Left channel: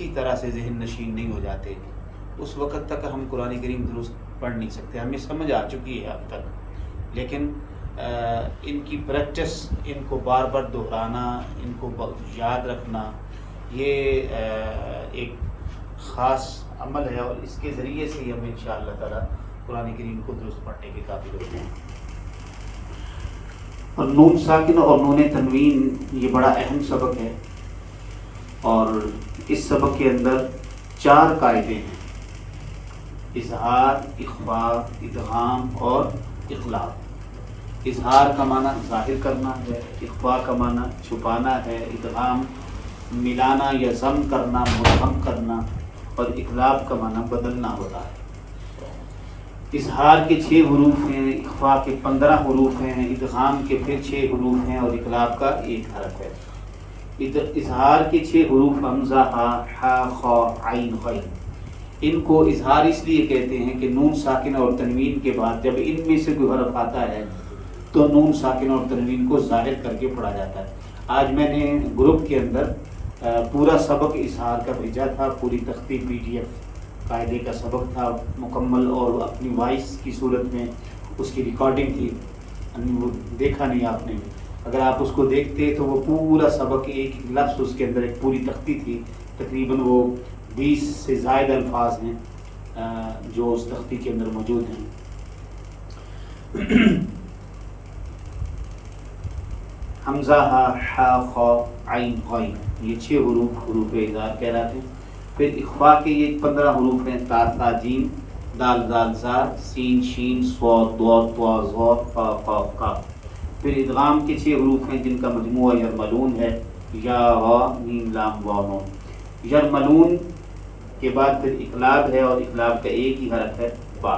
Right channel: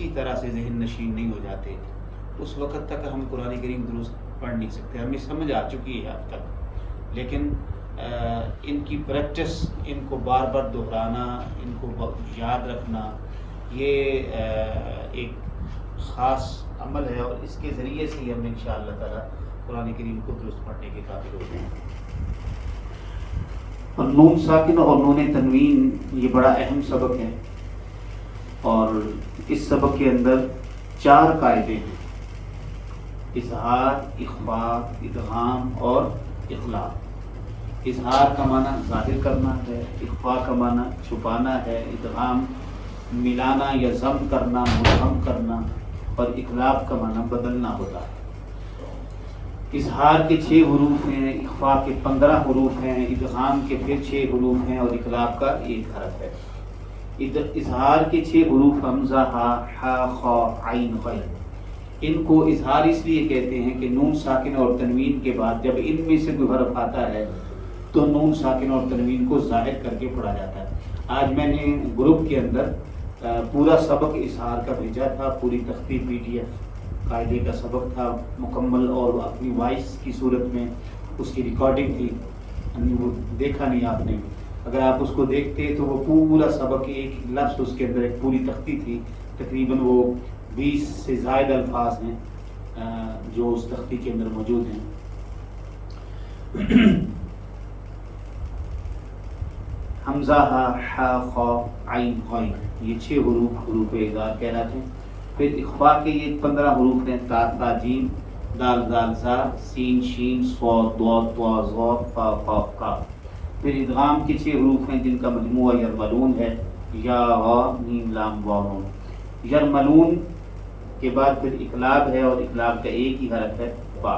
اچھی طرح سے ذہن نشین نہیں ہو جاتے اس وقت تک ہم قرآن کریم درست پڑھ نہیں سکتے. ہمیں سمجھ آ چکی ہے اب تک، لیکن ان کی پریکٹس، ان کو بار بار دہرانا، ان کو یاد رکھنا، یہ ایک خاص عمل ہے، اور اس کے ذریعے سے ہی ہم انشاءاللہ تعالی قرآن کریم کو درست پڑھنے کے قابل ہوتے ہیں. اور نون ساکن اور نون تنوین یہ بڑا اہم سبق ہے، اور اس سبق کے اندر 4 قاعدے ہیں: اظہار، اخفاء، ادغام اور اخلاء. اظہار کا معنی ظاہر کرنا ہے، اخفاء کا معنی چھپانا ہے، ادغام ملانا یا ضم کرنا، مبہم کرنا، اور اخلاء کا معنی بدلنا ہوتا ہے. اظہار کے 6 حروف ہیں، اخفاء کے 15 حروف ہیں، ادغام کے پھر 6 حروف ہیں، اور اخلاء کا 1 حرف ہے. اظہار کے 6 حروف حمزہ، ہا، خا، عین، غین. ان کو اظہار اس لیے کہتے ہیں کہ نون ساکن اور تنوین کے بعد جب ان میں سے کوئی حرف آتا ہے تو نون ساکن اور تنوین کو ظاہر کر کے پڑھا جاتا ہے. آج میں نے گروپ کے اندر پورا سبق اظہار کا بھیجا تھا، پوری تختی PDF قاعدے کا سبق تھا مکمل، اور اپنی وائس کی صورت میں اس کی ریکارڈنگ تھی. وہ دیکھا نہیں آپ نے، اگر آپ اس کو دیکھتے تو وہ پورا سبق ایک لفظ اس کے اندر ایک پوری تختی تھی. تقریباً وہ 20 سے زائد الفاظ ہیں جو اس تختی کے اندر موجود ہیں. حمزہ، ہا، خا، عین، غین، یہ 6 حروف اظہار کہلاتے ہیں. پھر اخفاء کے یہ 15 حروف ہیں: تا، ثا، جیم، دال، زال، زا، سین، شین، صاد، ضاد، طا، ظا، فا، قاف، کاف. پھر ادغام کے 6 حروف ہیں جن کا مجموعہ یرملون ہے: یا، را، میم، لام، واو، نون. یرملون کے بعد پھر اقلاب ہے، اور اقلاب کا ایک ہی حرف ہے، با.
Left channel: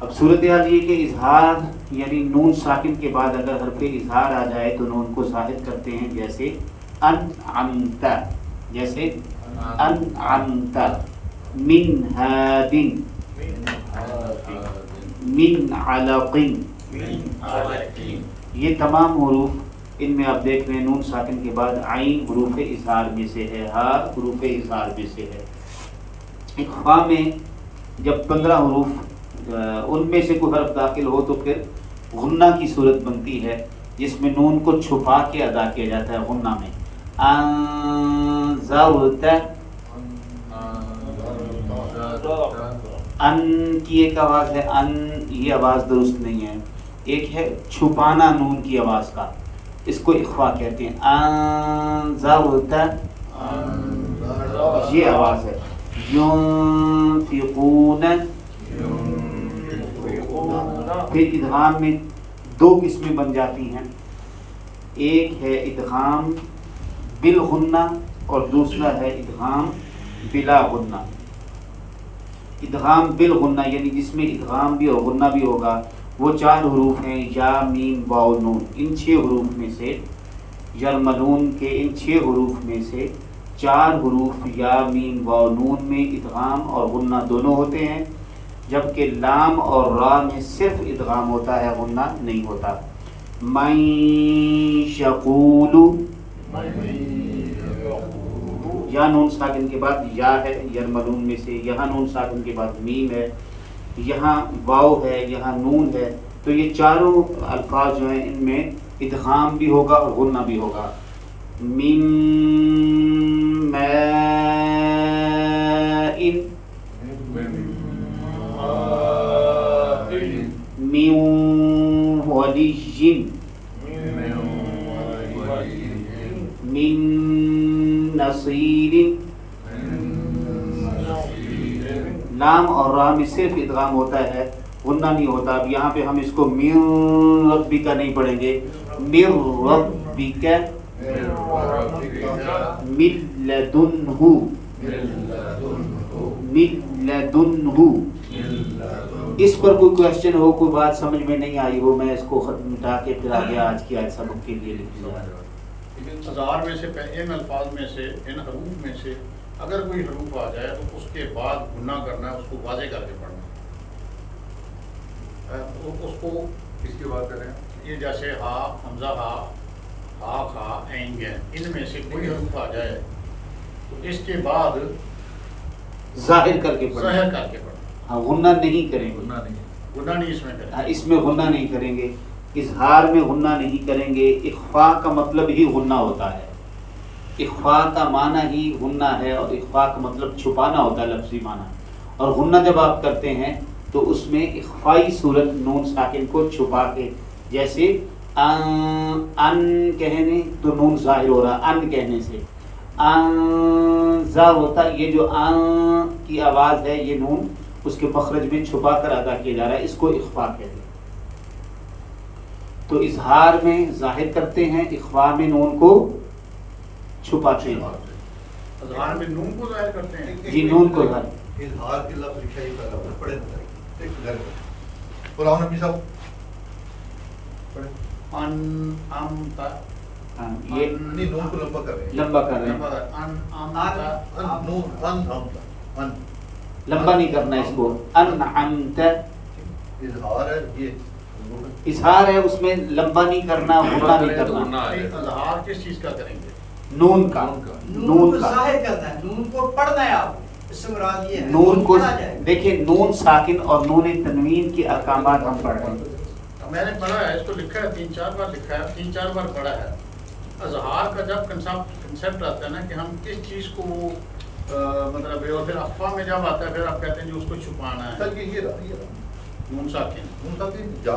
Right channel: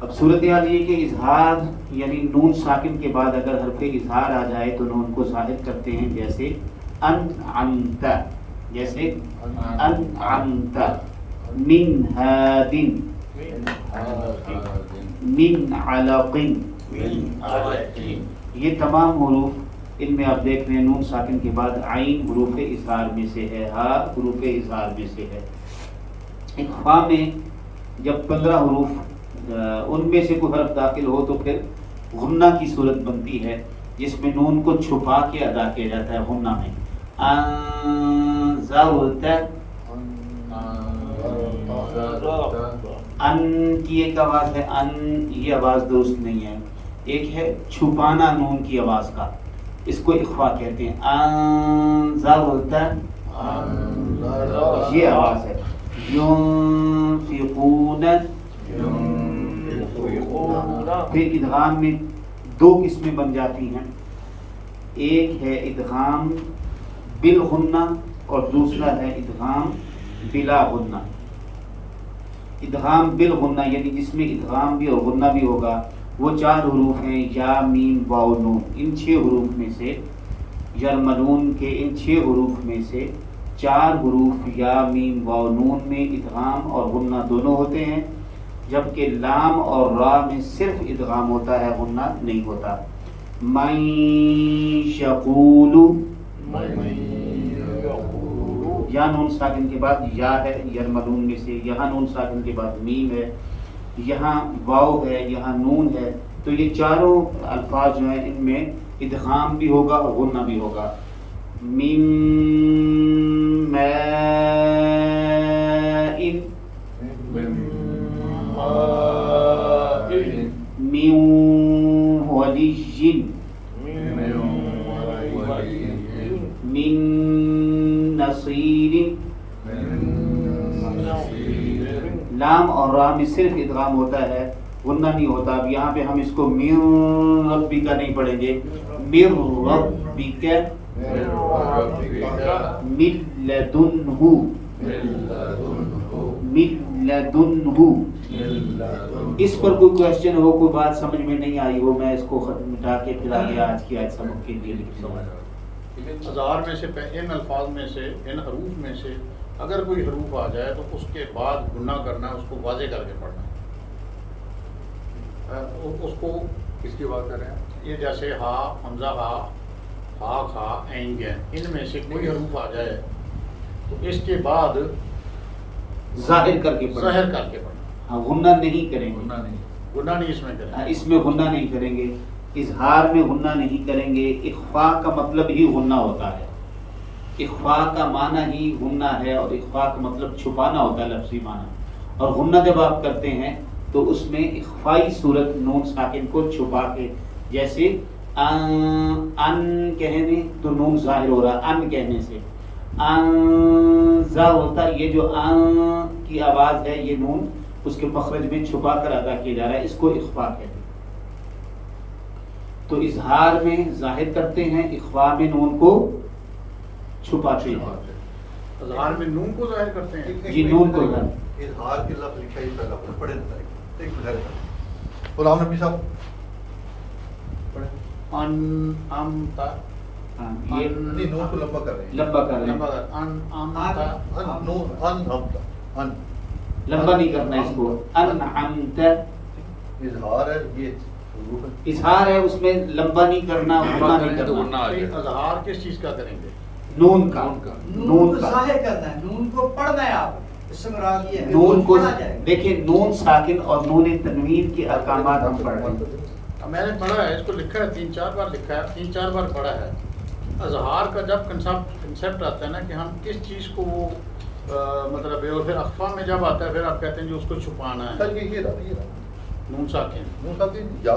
اب صورتحال یہ کہ اظہار یعنی نون ساکن کے بعد اگر حرف اظہار آ جائے تو نون کو ظاہر کرتے ہیں، جیسے انعمت، جیسے انعمت، من ہاد، من علق. یہ تمام حروف ان میں آپ دیکھ رہے ہیں نون ساکن کے بعد عین حروف اظہار میں سے ہے، ہا حروف اظہار میں سے ہے. اخفاء میں جب 15 حروف ان میں سے کوئی حرف داخل ہو تو پھر غنہ کی صورت بنتی ہے، جس میں نون کو چھپا کے ادا کیا جاتا ہے غنہ میں. انذرت، ان کی ایک آواز ہے، ان یہ آواز درست نہیں ہے. ایک ہے چھپانا نون کی آواز کا، اس کو اخفاء کہتے ہیں. انذرت یہ آواز ہے. ينفقون، پھر ادغام میں 2 قسمیں بن جاتی ہیں. ایک ہے ادغام بالغنہ اور دوسرا ہے ادغام بلا غنہ. ادغام بالغنہ یعنی جس میں ادغام بھی اور غنہ بھی ہوگا، وہ 4 حروف ہیں: یا، میم، واو، نون. ان 6 حروف میں سے یرملون کے ان 6 حروف میں سے 4 حروف یا، میم، واو، نون میں ادغام اور غنہ دونوں ہوتے ہیں، جبکہ لام اور را میں صرف ادغام ہوتا ہے، غنہ نہیں ہوتا. من یقول، یا نون ساکن کے بعد یا ہے یرملون میں سے، یہاں نون ساکن کے بعد میم ہے، یہاں واو ہے، یہاں نون ہے. تو یہ چاروں الفاظ جو ہیں ان میں ادغام بھی ہوگا اور غنہ بھی ہوگا. میم ماء، من ولی، من نصیر. لام اور را میں صرف ادغام ہوتا ہے، غنہ نہیں ہوتا. اب یہاں پہ ہم اس کو من ربک نہیں پڑھیں گے، من ربک، من لدنہ، من لدنہ. اس پر کوئی کوشچن ہو، کوئی بات سمجھ میں نہیں آئی ہو، میں اس کو مٹا کے پھر آگے آج کی آج سبق کے لیے لکھوں گا. ہزار میں سے ان الفاظ میں سے ان حروف میں سے اگر کوئی حروف آ جائے تو اس کے بعد گنہ کرنا ہے، اس کو واضح کر کے پڑھنا. اس کو کس کی بات کر رہے ہیں؟ یہ جیسے ہا، حمزہ، ہا، ہا، کھا، عین، غین، ان میں سے کوئی حروف آ جائے تو اس کے بعد ظاہر کر کے پڑھیں. ظاہر کر کے پڑھیں. ہاں غنہ نہیں کریں گے. گناہ نہیں اس میں کریں. اس میں غنہ نہیں کریں گے. اظہار میں غنہ نہیں کریں گے. اخفاء کا مطلب ہی غنہ ہوتا ہے. اخفاء کا معنی ہی غنہ ہے اور اخفاء کا مطلب چھپانا ہوتا ہے لفظی معنی. اور غنہ جب آپ کرتے ہیں تو اس میں اخفائی صورت نون ساکن کو چھپا کے, جیسے ان کہنے تو نون ظاہر ہو رہا ان کہنے سے. انزا ہوتا, یہ جو ان کی آواز ہے یہ نون اس کے مخرج میں چھپا کر ادا کیا جا رہا ہے, اس کو اخفاء کہتے ہیں. تو اظہار میں ظاہر کرتے ہیں, اخفاء میں نون کو چھپاتے ہیں. اظہار میں نون کو ظاہر کرتے ہیں. جی نون کو ظاہر. اظہار کے لفظ لکھا ہی پہلا بنا پڑھے نہ ایک منٹ غلام نبی صاحب ان ام کا یہ نہیں نون کو لمبا کر رہے ہیں. لمبا کر رہے ہیں. ان ام کا نون ان ام ان لمبا نہیں کرنا اس کو. انعمت اظہار ہے یہ اظہار ہے, اس میں لمبا نہیں کرنا, غنہ نہیں کرنا. اظہار کس چیز کا کریں گے؟ نون کا. نون کو ظاہر کرنا ہے, نون کو پڑھنا ہے. آپ اس سے مراد یہ ہے نون کو پڑھا جائے. دیکھیں نون ساکن اور نون تنوین کے احکامات ہم پڑھ رہے ہیں. میں نے پڑھا ہے, اس کو لکھا ہے 3-4 بار لکھا ہے, 3-4 بار پڑھا ہے. اظہار کا جب کنسیپٹ آتا ہے نا کہ ہم کس چیز کو مطلب ہے, اور پھر اخفا میں جب آتا ہے پھر آپ کہتے ہیں جو اس کو چھپانا ہے. تک یہ نون ساکن نون کا یا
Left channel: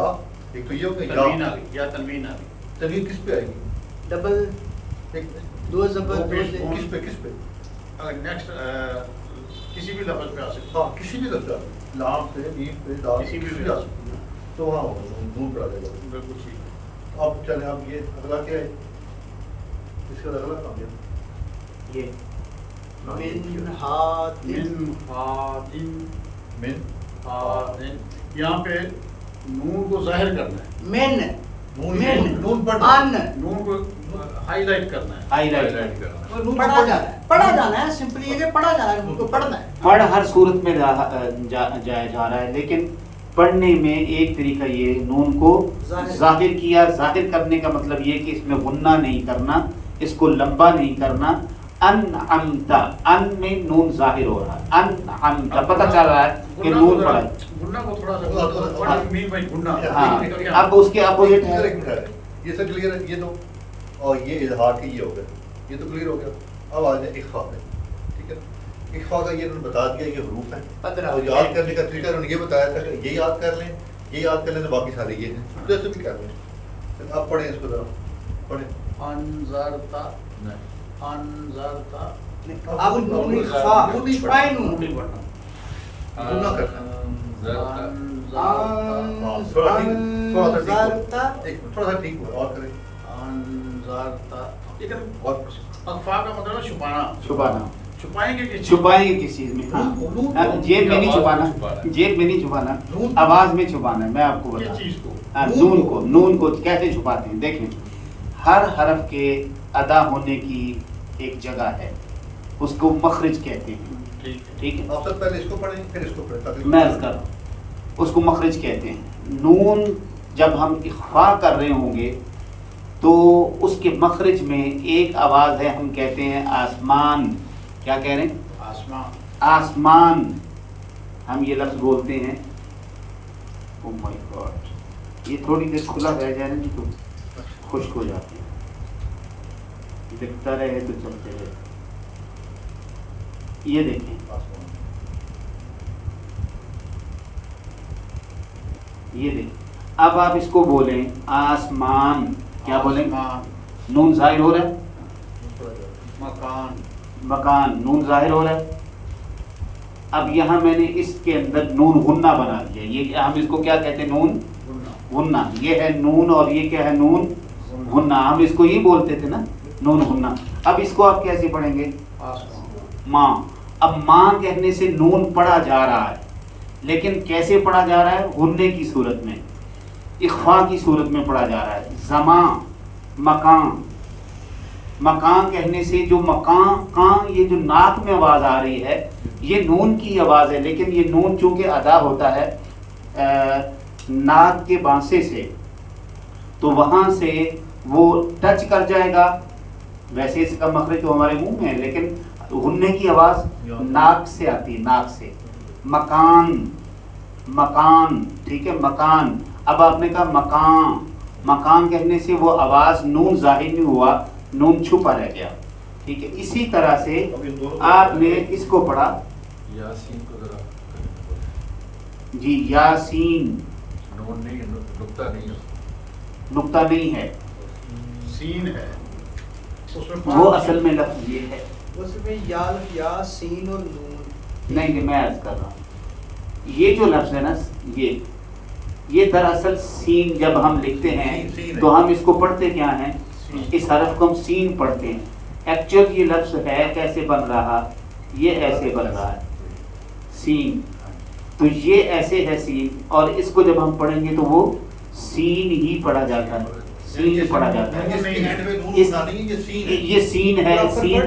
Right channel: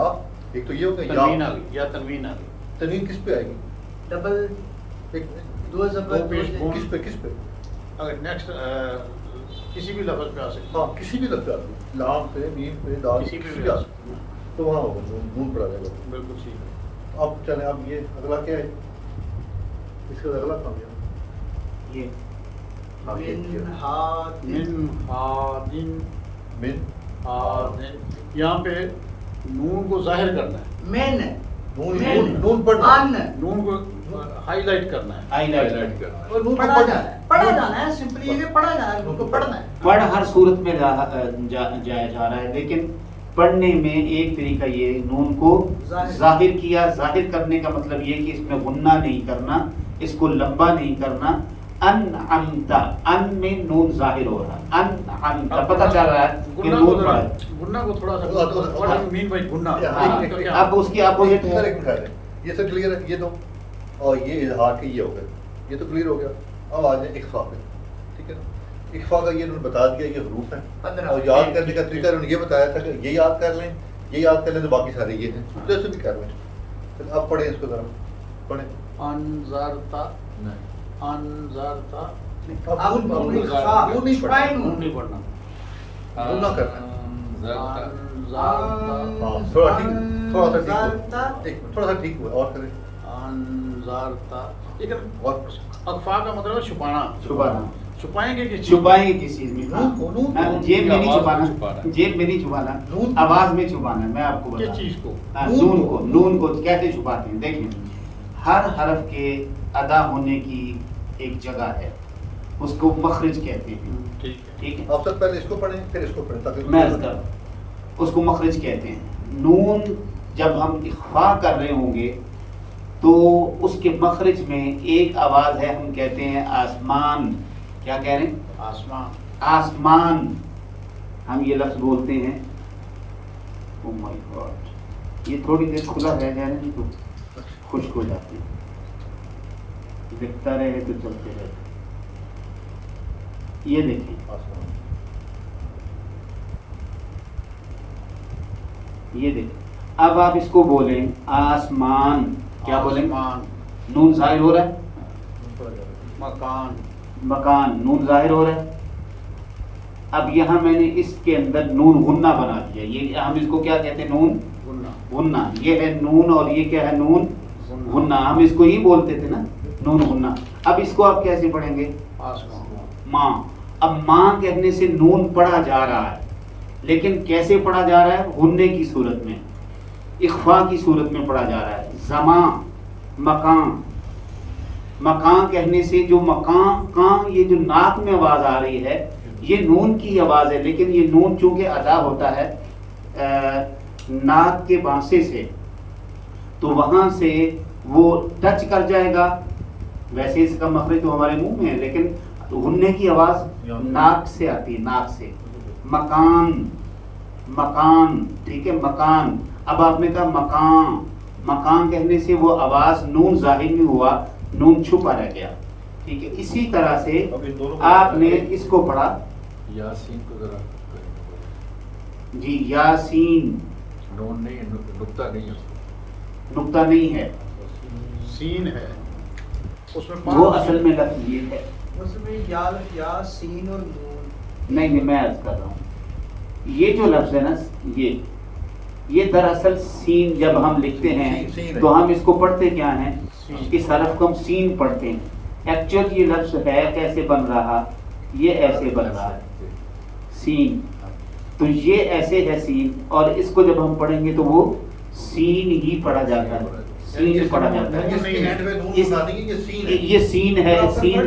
ایک تو یہ ہو گیا تنوین آ گئی یا تنوین آ گئی. تنوین کس پہ آئے گی؟ ڈبل ایک دو زبر کس پہ اگر نیکسٹ کسی بھی لفظ پہ آ سکتے ہاں کسی بھی لفظ پہ لام پہ میم پہ دال کسی بھی پہ آ سکتے ہیں. تو وہاں نون پر آ جائے گا. بالکل ٹھیک ہے. اب چلیں اب یہ اگلا کیا ہے, اس کا اگلا کام ہے یہ من ہاتن من ہادن من ہادن, یہاں پہ نون کو ظاہر کرنا ہے, من نون پڑھنا ان نون کو ہائی لائٹ کرنا ہے. ہائی لائٹ اور نون کو پڑھا جانا ہے. پڑھا جانا ہے, سمپلی یہ پڑھا جانا ہے, نون کو پڑھنا ہے. پڑھ ہر صورت میں جایا جا رہا ہے, لیکن پڑھنے میں ایک طریقہ یہ نون کو ظاہر کیا. ظاہر کرنے کا مطلب یہ کہ اس میں غنہ نہیں کرنا, اس کو لمبا نہیں کرنا. انعمت, ان میں نون ظاہر ہو رہا ہے. انعمت پتہ چل رہا ہے کہ نون پڑھا ہے. گناہ کو تھوڑا سا مین بائی گناہ. ہاں اب اس کے اپوزٹ ہے. یہ سب کلیئر ہے, یہ تو اور یہ اظہار کی یہ ہو گیا, یہ تو کلیئر ہو گیا. اب آ جائیں اخفاء میں, ٹھیک ہے نا. اخفاء کا یہ انہوں نے بتا دیا یہ حروف ہیں, اور یاد کرنے کا طریقہ انہوں نے یہ بتایا تھا کہ یہ یاد کر لیں, یہ یاد کر لیں تو باقی سارے یہ ہیں جو ایسے بھی کر لیں. پھر اب پڑھیں اس کو ذرا پڑھیں. انذرتا انذرتا اب نون اخفاء چھپائے نون نون نہیں پڑھنا. وہ نہ کرنا. انذرتا تھوڑا سا ٹھیک ہوا اور کریں. انذرتا, لیکن اور اخفاء کا مطلب ہے چھپانا. چھپانا. چھپائیں گے کس چیز؟ چھپائیں گے کس چیز میں؟ جیب میں نہیں چھپانا, جیب میں نہیں چھپانا, آواز میں چھپانا ہے. میں آپ کو کس بتا چیز کو؟ نون کو کیسے چھپاتے ہیں. دیکھیں ہر حرف کے ادا ہونے کی ایک جگہ ہے, اس کو مخرج کہتے ہیں. ٹھیک ہے, آپ سب پہلے اس کو پڑھیں پھر اس کو پڑھیں تاکہ میں عرض کر رہا ہوں, اس کو مخرج کہتے ہیں. نون جب ہم اخفاء کر رہے ہوں گے تو اس کے مخرج میں ایک آواز ہے, ہم کہتے ہیں آسمان. کیا کہہ رہے ہیں؟ آسمان. آسمان ہم یہ لفظ بولتے ہیں. او مائی گاڈ, یہ تھوڑی دیر کھلا رہ جائے نا جی تو خشک ہو جاتی ہے. دکھتا رہے تو چلتے رہے. یہ دیکھیں, یہ دیکھیں, اب آپ اس کو بولیں آسمان. کیا بولیں؟ آسمان. نون ظاہر ہو رہا ہے. مکان. مکان نون ظاہر ہو رہا ہے. اب یہاں میں نے اس کے اندر نون غنہ بنا دیا. یہ ہم اس کو کیا کہتے ہیں؟ نون غنہ. یہ ہے نون اور یہ کیا ہے؟ نون غنہ. ہم اس کو ہی بولتے تھے نا, نون غنہ. اب اس کو آپ کیسے پڑھیں گے؟ آسمان. ماں. اب ماں کہنے سے نون پڑھا جا رہا ہے, لیکن کیسے پڑھا جا رہا ہے؟ غنے کی صورت میں, اخفاء کی صورت میں پڑھا جا رہا ہے. زمان, مکان. مکان کہنے سے جو مکان کان, یہ جو ناک میں آواز آ رہی ہے یہ نون کی آواز ہے, لیکن یہ نون چونکہ ادا ہوتا ہے ناک کے بانسے سے, تو وہاں سے وہ ٹچ کر جائے گا. ویسے اس کا مخرج تو ہمارے منہ میں ہے, لیکن تو غنّے کی آواز ناک سے آتی ہے، ناک سے. مکان، مکان، ٹھیک ہے، مکان. اب آپ نے کہا مکان، مکان کہنے سے وہ آواز نون ظاہر نہیں ہوا، نون چھپا رہ گیا. ٹھیک ہے، اسی طرح سے آپ نے اس کو پڑھا یاسین کو ذرا جی، یاسین. نون نہیں، نقطہ نہیں ہے اس میں. نقطہ نہیں ہے، سین ہے اس میں وہ اصل میں لفظ یہ ہے. اس میں یا سین اور نون. نہیں میں عرض کر رہا ہوں، یہ جو لفظ ہے نا، یہ دراصل سین جب ہم لکھتے ہیں تو ہم اس کو پڑھتے کیا ہیں؟ اس حرف کو ہم سین پڑھتے ہیں. ایکچوئل یہ لفظ ہے کیسے بن رہا؟ یہ ایسے بن رہا ہے سین. تو یہ ایسے ہے سین، اور اس کو جب ہم پڑھیں گے تو وہ سین ہی پڑھا جاتا ہے، سین پڑھا جاتا ہے. یہ سین ہے،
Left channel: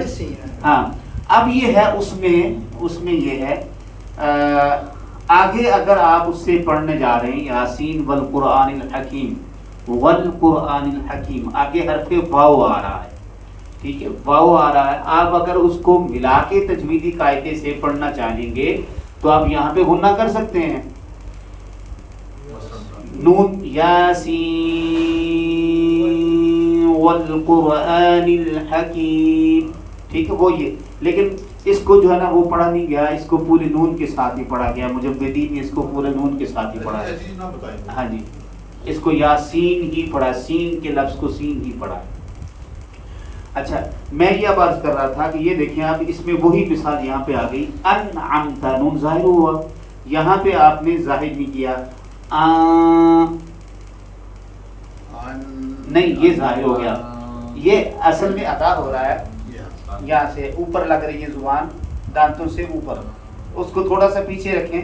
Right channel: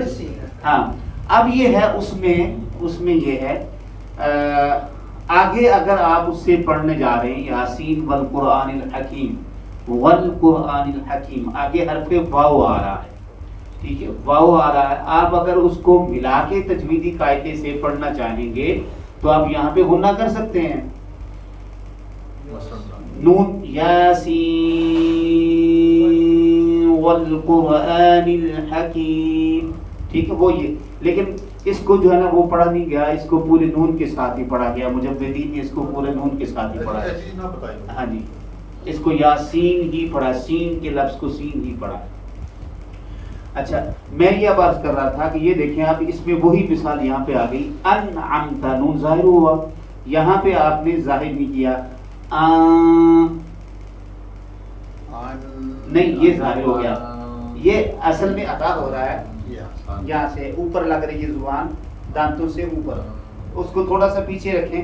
سین. ہاں، اب یہ ہے اس میں یہ ہے آگے اگر آپ اس سے پڑھنے جا رہے ہیں یاسین والقرآن الحکیم، والقرآن الحکیم، آگے حرف واو آ رہا ہے. ٹھیک ہے، واو آ رہا ہے. آپ اگر اس کو ملا کے تجویدی قاعدے سے پڑھنا چاہیں گے تو آپ یہاں پہ غنہ کر سکتے ہیں. نون یاسین والقرآن الحکیم، ٹھیک ہے، وہ یہ. لیکن اس کو جو ہے نا وہ پڑھا نہیں گیا، اس کو پورے نون کے ساتھ ہی پڑھا گیا. مجددین نے اس کو پورے نون کے ساتھ ہی پڑھا. ہاں جی، اس کو یاسین ہی پڑھا، سین کے لفظ کو سین ہی پڑھا. اچھا، میں یہ اب عرض کر رہا تھا کہ یہ دیکھیں آپ، اس میں وہی مثال یہاں پہ آ گئی. انعمت، نون ظاہر ہوا، یہاں پہ آپ نے ظاہر نہیں کیا. نہیں، یہ ظاہر ہو گیا. یہ اصل میں ادا ہو رہا ہے یہاں سے اوپر لگ رہی ہے زبان دانتوں سے اوپر. اس کو تھوڑا سا پیچھے رکھیں.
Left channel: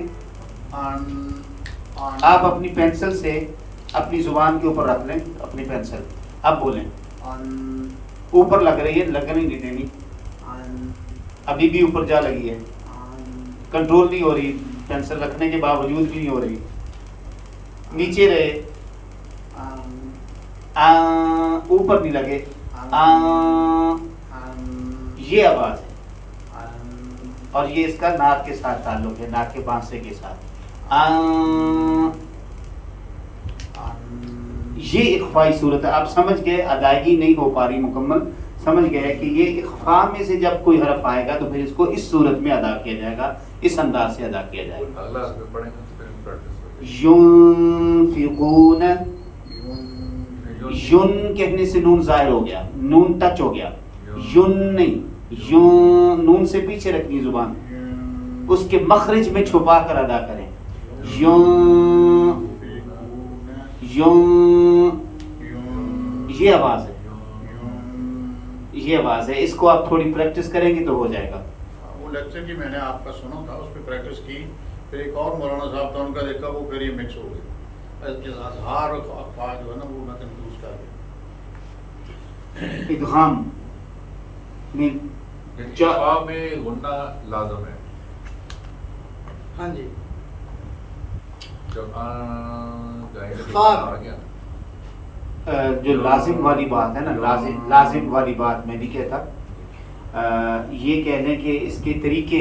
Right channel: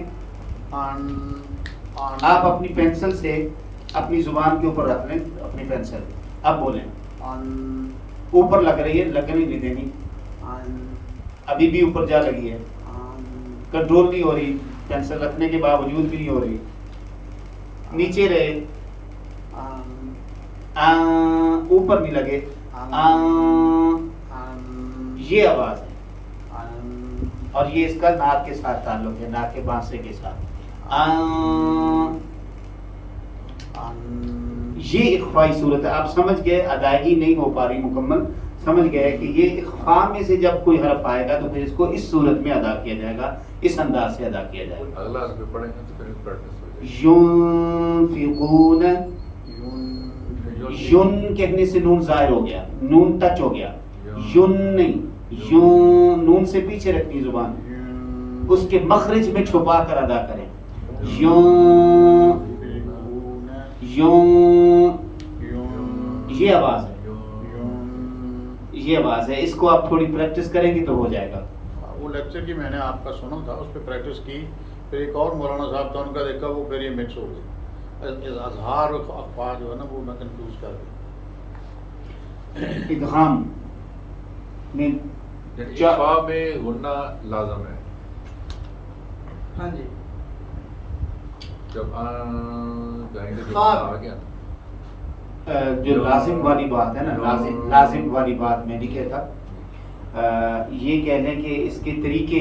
آپ اپنی پینسل سے اپنی زبان کے اوپر رکھ لیں اپنی پینسل. اب بولیں. اوپر لگ رہی ہے، لگنے نہیں دینی. ابھی بھی اوپر جا لگی ہے، کنٹرول نہیں ہو رہی، پینسل رکھنے کے باوجود بھی نہیں ہو رہی. نیچے رہے، اوپر بھی لگے. یہ آواز ہے، اور یہ اس کا ناک کے ساتھ تعلق ہے، ناک کے بانسے کے ساتھ. یہ اخفائی صورت ہے. آپ سمجھ گئے، ادائیگی نہیں ہو پا رہی مکمل، سمجھ گئے کہ یہ اخفاء میں سے جب کوئی حرف آئے گا تو پھر اس کو اس صورت میں ادا کیا جائے گا، اس انداز سے ادا کیا جائے گا. اللہ اس پہ پڑھیں گے تو پھر پریکٹس ينفقون، یون کہنے سے نون ظاہر ہو گیا، نون ٹچ ہو گیا. یون نہیں، یون نون سے پیچھے رکھنی زبان، اس کے مخرج میں چھپا کر ادا کریں. یون، یون، یہ آواز ہے، یہ آواز ہے. اس کو آپ تھوڑی پریکٹس کریں گے تو ہو جائے گا. وہ لیکچر کی میں نے آپ کا سنا تھا، اس پہ پریکٹس کی. پھر ایک اور مولانا صاحب تھا، ان کا دیکھا، وہ پھر یہ مکس ہو گئی. اظہار اور اخفاء جو ہے نا وہ میں کنفیوز کر رہا. ادغام میں اخفاء میں غنہ لازم ہے. ہاں جی، جب جائیں گے اخفاء آ گیا جو لازم والی بات ہے نا، لازم والی بات میں بھی کہتا. یہ کہہ لیں کہ اس کے طریقے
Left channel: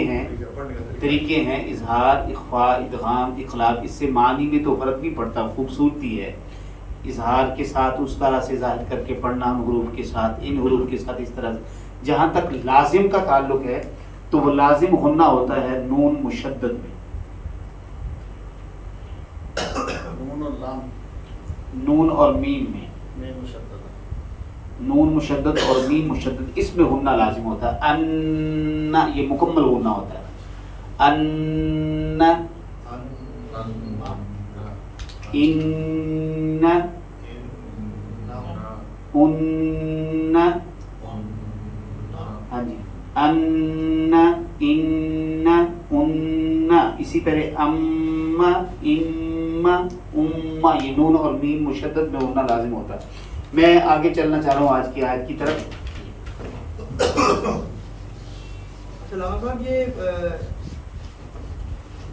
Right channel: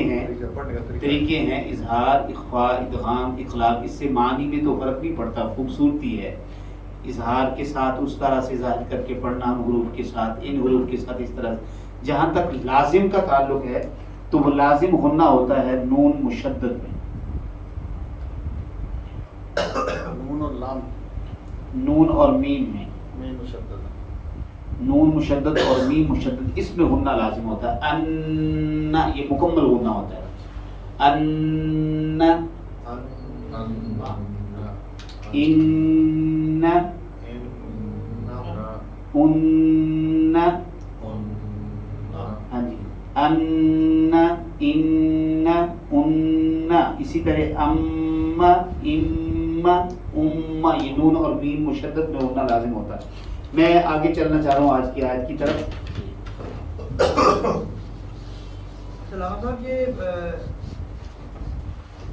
ہیں اظہار، اخفاء، ادغام، اخلاق. اس سے معنی میں تو فرق نہیں پڑتا، خوبصورتی ہے. اظہار کے ساتھ اس طرح سے ظاہر کر کے پڑھنا، ان حروف کے ساتھ، ان حروف کے ساتھ اس طرح. جہاں تک لازم کا تعلق ہے تو وہ لازم غنہ ہوتا ہے نون مشدد میں. نون اور لام، نون اور میم میں، میم مشدد. نون مشدد اور میم مشدد، اس میں غنہ لازم ہوتا ہے. ان، یہ مکمل غنہ ہوتا ہے. ان، ان، ان، ہاں جی، ان، ان، ان. اسی طرح ام، ام، ام. یہ نون اور میم مشدد میں غنہ لازم ہوتا ہے. میں آگے چلنا چاہ رہا ہوں آج کی آیت کی طرف. سلام صاحب، یہ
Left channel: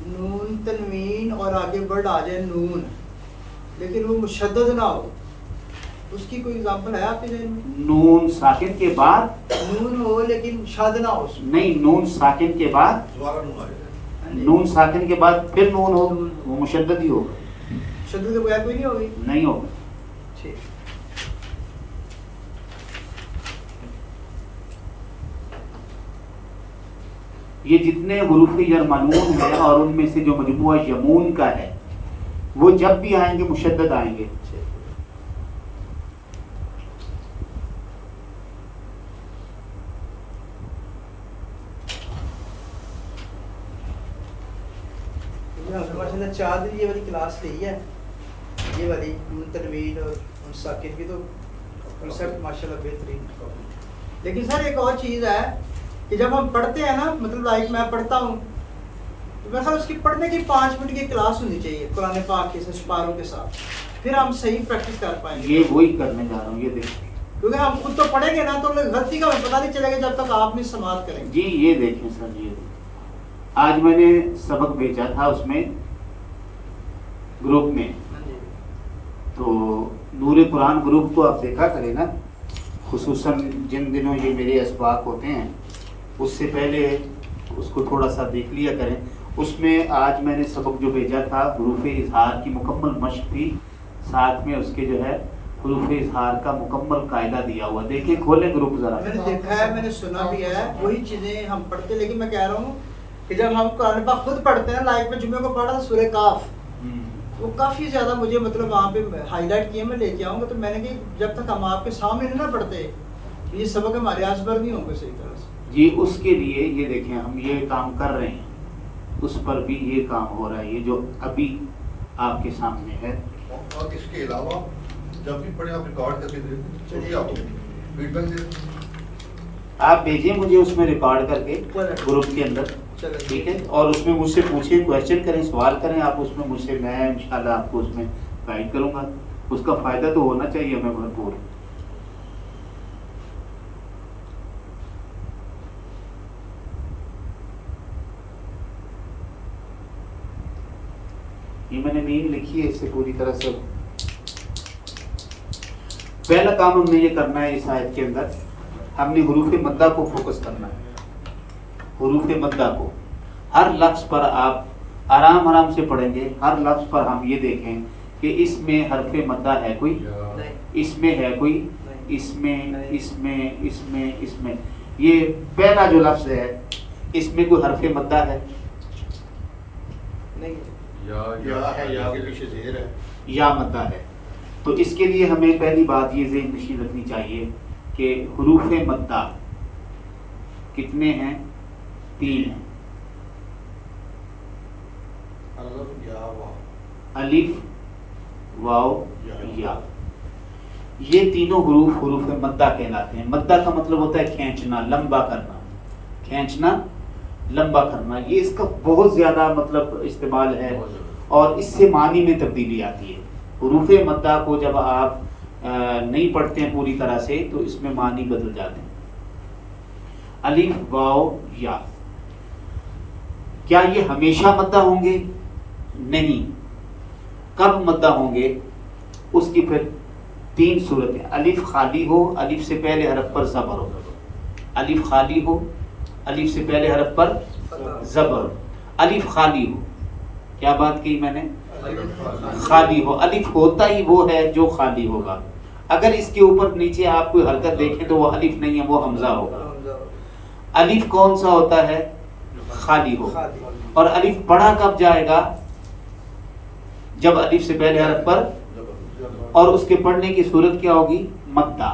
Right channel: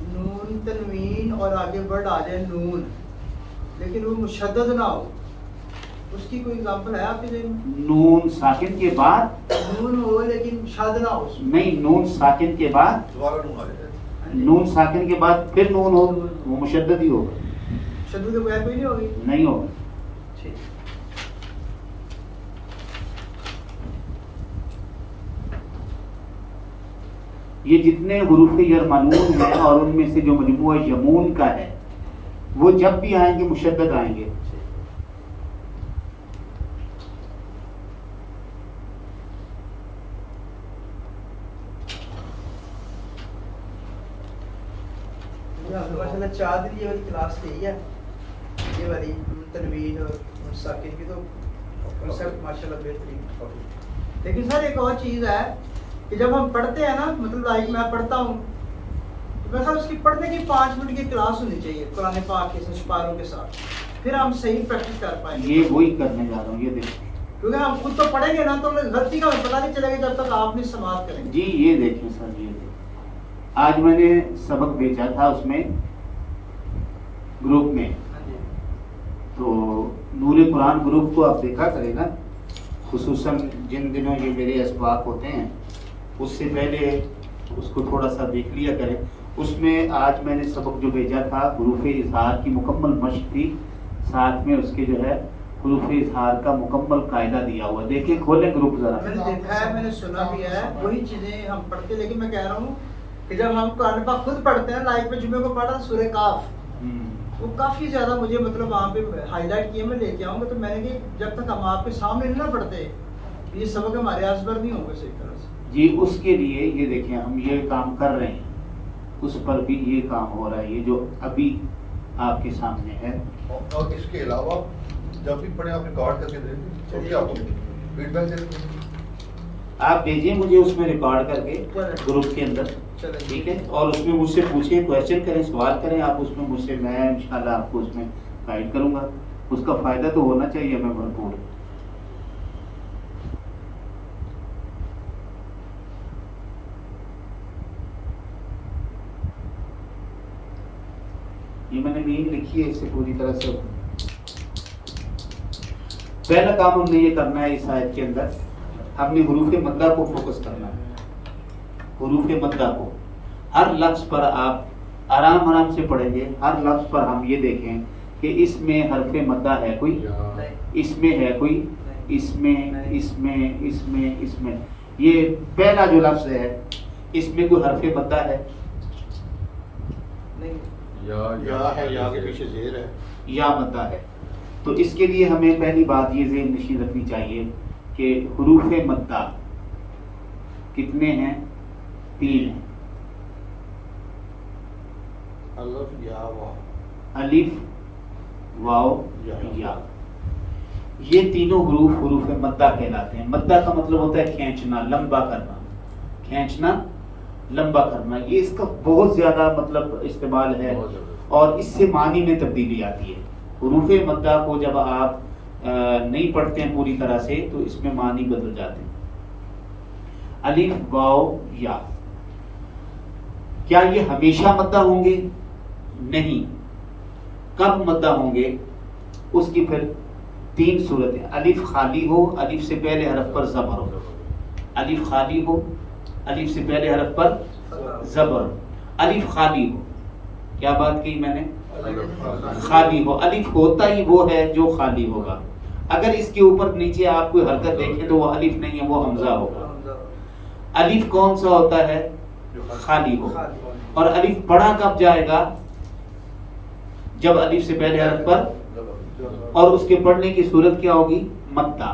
نون تنوین اور آگے ورڈ آ جائے نون لیکن وہ مشدد نہ ہو، اس کی کوئی اگزامپل ہے آپ کے ذہن میں؟ نون ساکن کے بعد نون ہو لیکن شاد نہ ہو اس میں. نہیں، نون ساکن کے بعد دوبارہ نون آ جائے. نون ساکن کے بعد پھر نون ہو، وہ مشدد ہی ہو، شدت کے بغیر کوئی نہیں ہوگی. نہیں ہو. ٹھیک. یہ جتنے حروف یرمنون ہیں اور ان میں سے جو مجموعہ یمون کا ہے وہ جب بھی آئیں گے مشدد آئیں گے. ماشاءاللہ 4 دن یہ والی کلاس رہی ہے، یہ والی تنوین اور ساکن کی، تو سب ماشاءاللہ بہترین. لیکن سر ایک اور چیز ہے کہ جب ہم پڑھتے ہیں نا، مطلب لائک میں پڑھتا ہوں، میں خیال اس کی پڑھنے کی 5 منٹ کی کلاس ہونی چاہیے قرآن پاک کے سپاروں کے ساتھ، پھر ہم صحیح پریکٹس کر پائیں گے. یہ وہی کرنے جا رہا ہوں، یہ دیکھیں کیونکہ ہم خود تو پڑھیں گے نا تو ہمیں غلطی کا پتہ نہیں چلے گا جب تک آپ نہیں سماعت کریں گے. جی. یہ دیکھیں سر، یہ دیکھیں آج میں نے سبق بھیجا تھا اس میں گروپ میں، تو نور قرآن گروپ کو آپ دیکھا کریں نا، خصوصاً جن دنوں یہ میرے اسباق ہوتے ہیں اس سے پہلے اس کو تھوڑا سا دیکھ لیا کریں. اس میں آج میں نے سبق جو بھیجا تھا حروف اظہار کی مکمل مشق تھی، ساتھ میں اس کے جو ہے حروف اظہار کا مکمل قاعدہ دیا ہوا. دیکھیں کھولیں گروپ ذرا. میں نے دیکھا ہے، میں نے سنا بھی ہے، وہی چیزیں ہم پڑھتے. لیکن میں کہہ رہا ہوں کہ جب ہم قرآن پاک خود پڑھتے ہیں، لائک میں جمعے کو پڑھا سورہ کاف، وہ کافی زیادہ مجھے مطلب وہاں پہ ہائی لائٹ کیے، میں لے کے آؤں گا. تو میں نے کہ جب تک ہم آپ کے سامنے نہیں نہ پڑھتے یہ سبق ہمارے ازبر نہیں ہوں گے صحیح طرح سے. جی. اس کے لیے یہ دیکھیں ہم یہ کام کر رہے ہیں، اس پر بھی یہ کام ہو رہا ہے، یہ جو ابھی آپ کے سامنے ہے. اور اس کے علاوہ جب بھی پڑھیں آپ ریکارڈ کر کے دیں تو کیا ہو فیڈ بیک دیں. آپ بھیجیے مجھے اس میں ریکارڈ کر کے گروپ کے اندر، ٹھیک ہے؟ اور اس میں مجھ سے پوچھیں، کویشچن کریں، سوال کریں آپ اس میں مجھ سے، میں انشاءاللہ آپ کو اس میں گائیڈ کروں گا. اس کا فائدہ تو ہونا چاہیے ہمیں بھرپور. یہ میں نے نیند لکھی ہے، اس سے پوری طرح سے پہلا کام ہم نے یہ کرنا ہے اس آیت کے اندر، ہم نے حروف مدہ کو فوکس کرنا ہے. حروف مدہ کو ہر لفظ پر آپ آرام آرام سے پڑھیں گے. ہر لفظ پر ہم یہ دیکھیں کہ اس میں حرف مدہ ہے کوئی، اس میں ہے کوئی، اس میں، اس میں، اس میں، اس میں. یہ پہلا جو لفظ ہے اس میں کوئی حرف مدہ ہے؟ یا ہے، یا کے پیچھے زیر ہے، یا مدہ ہے. تو اس کے لیے ہمیں پہلی بات یہ ذہن نشین رکھنی چاہیے کہ حروف مدہ کتنے ہیں؟ 3 ہیں. الف یا واو، الف واو یا. یہ تینوں حروف حروف مدہ کہلاتے ہیں. مدہ کا مطلب ہوتا ہے کھینچنا، لمبا کرنا. کھینچنا، لمبا کرنا. یہ اس کا بہت زیادہ مطلب استعمال ہے اور اس سے معنی میں تبدیلی آتی ہے. حروف مدہ کو جب آپ نہیں پڑھتے ہیں پوری طرح سے تو اس میں معنی بدل جاتے ہیں. الف واو یا. کیا یہ ہمیشہ مدہ ہوں گے؟ نہیں. کب مدہ ہوں گے؟ اس کی پھر 3 صورتیں. الف خالی ہو، الف سے پہلے حرف پر زبر ہو. الف خالی ہو، الف سے پہلے حرف پر زبر ہو. الف خالی ہو، کیا بات کی میں نے؟ خالی ہو. الف ہوتا ہی وہ ہے جو خالی ہوگا. اگر اس کے اوپر نیچے آپ کوئی حرکت دیکھیں تو وہ الف نہیں ہے، وہ حمزہ ہوگا. الف کون سا ہوتا ہے؟ خالی ہو. اور الف پڑھا کب جائے گا؟ جب الف سے پہلے حرف پر، اور اس کے پڑھنے کی صورت کیا ہوگی؟ مدہ.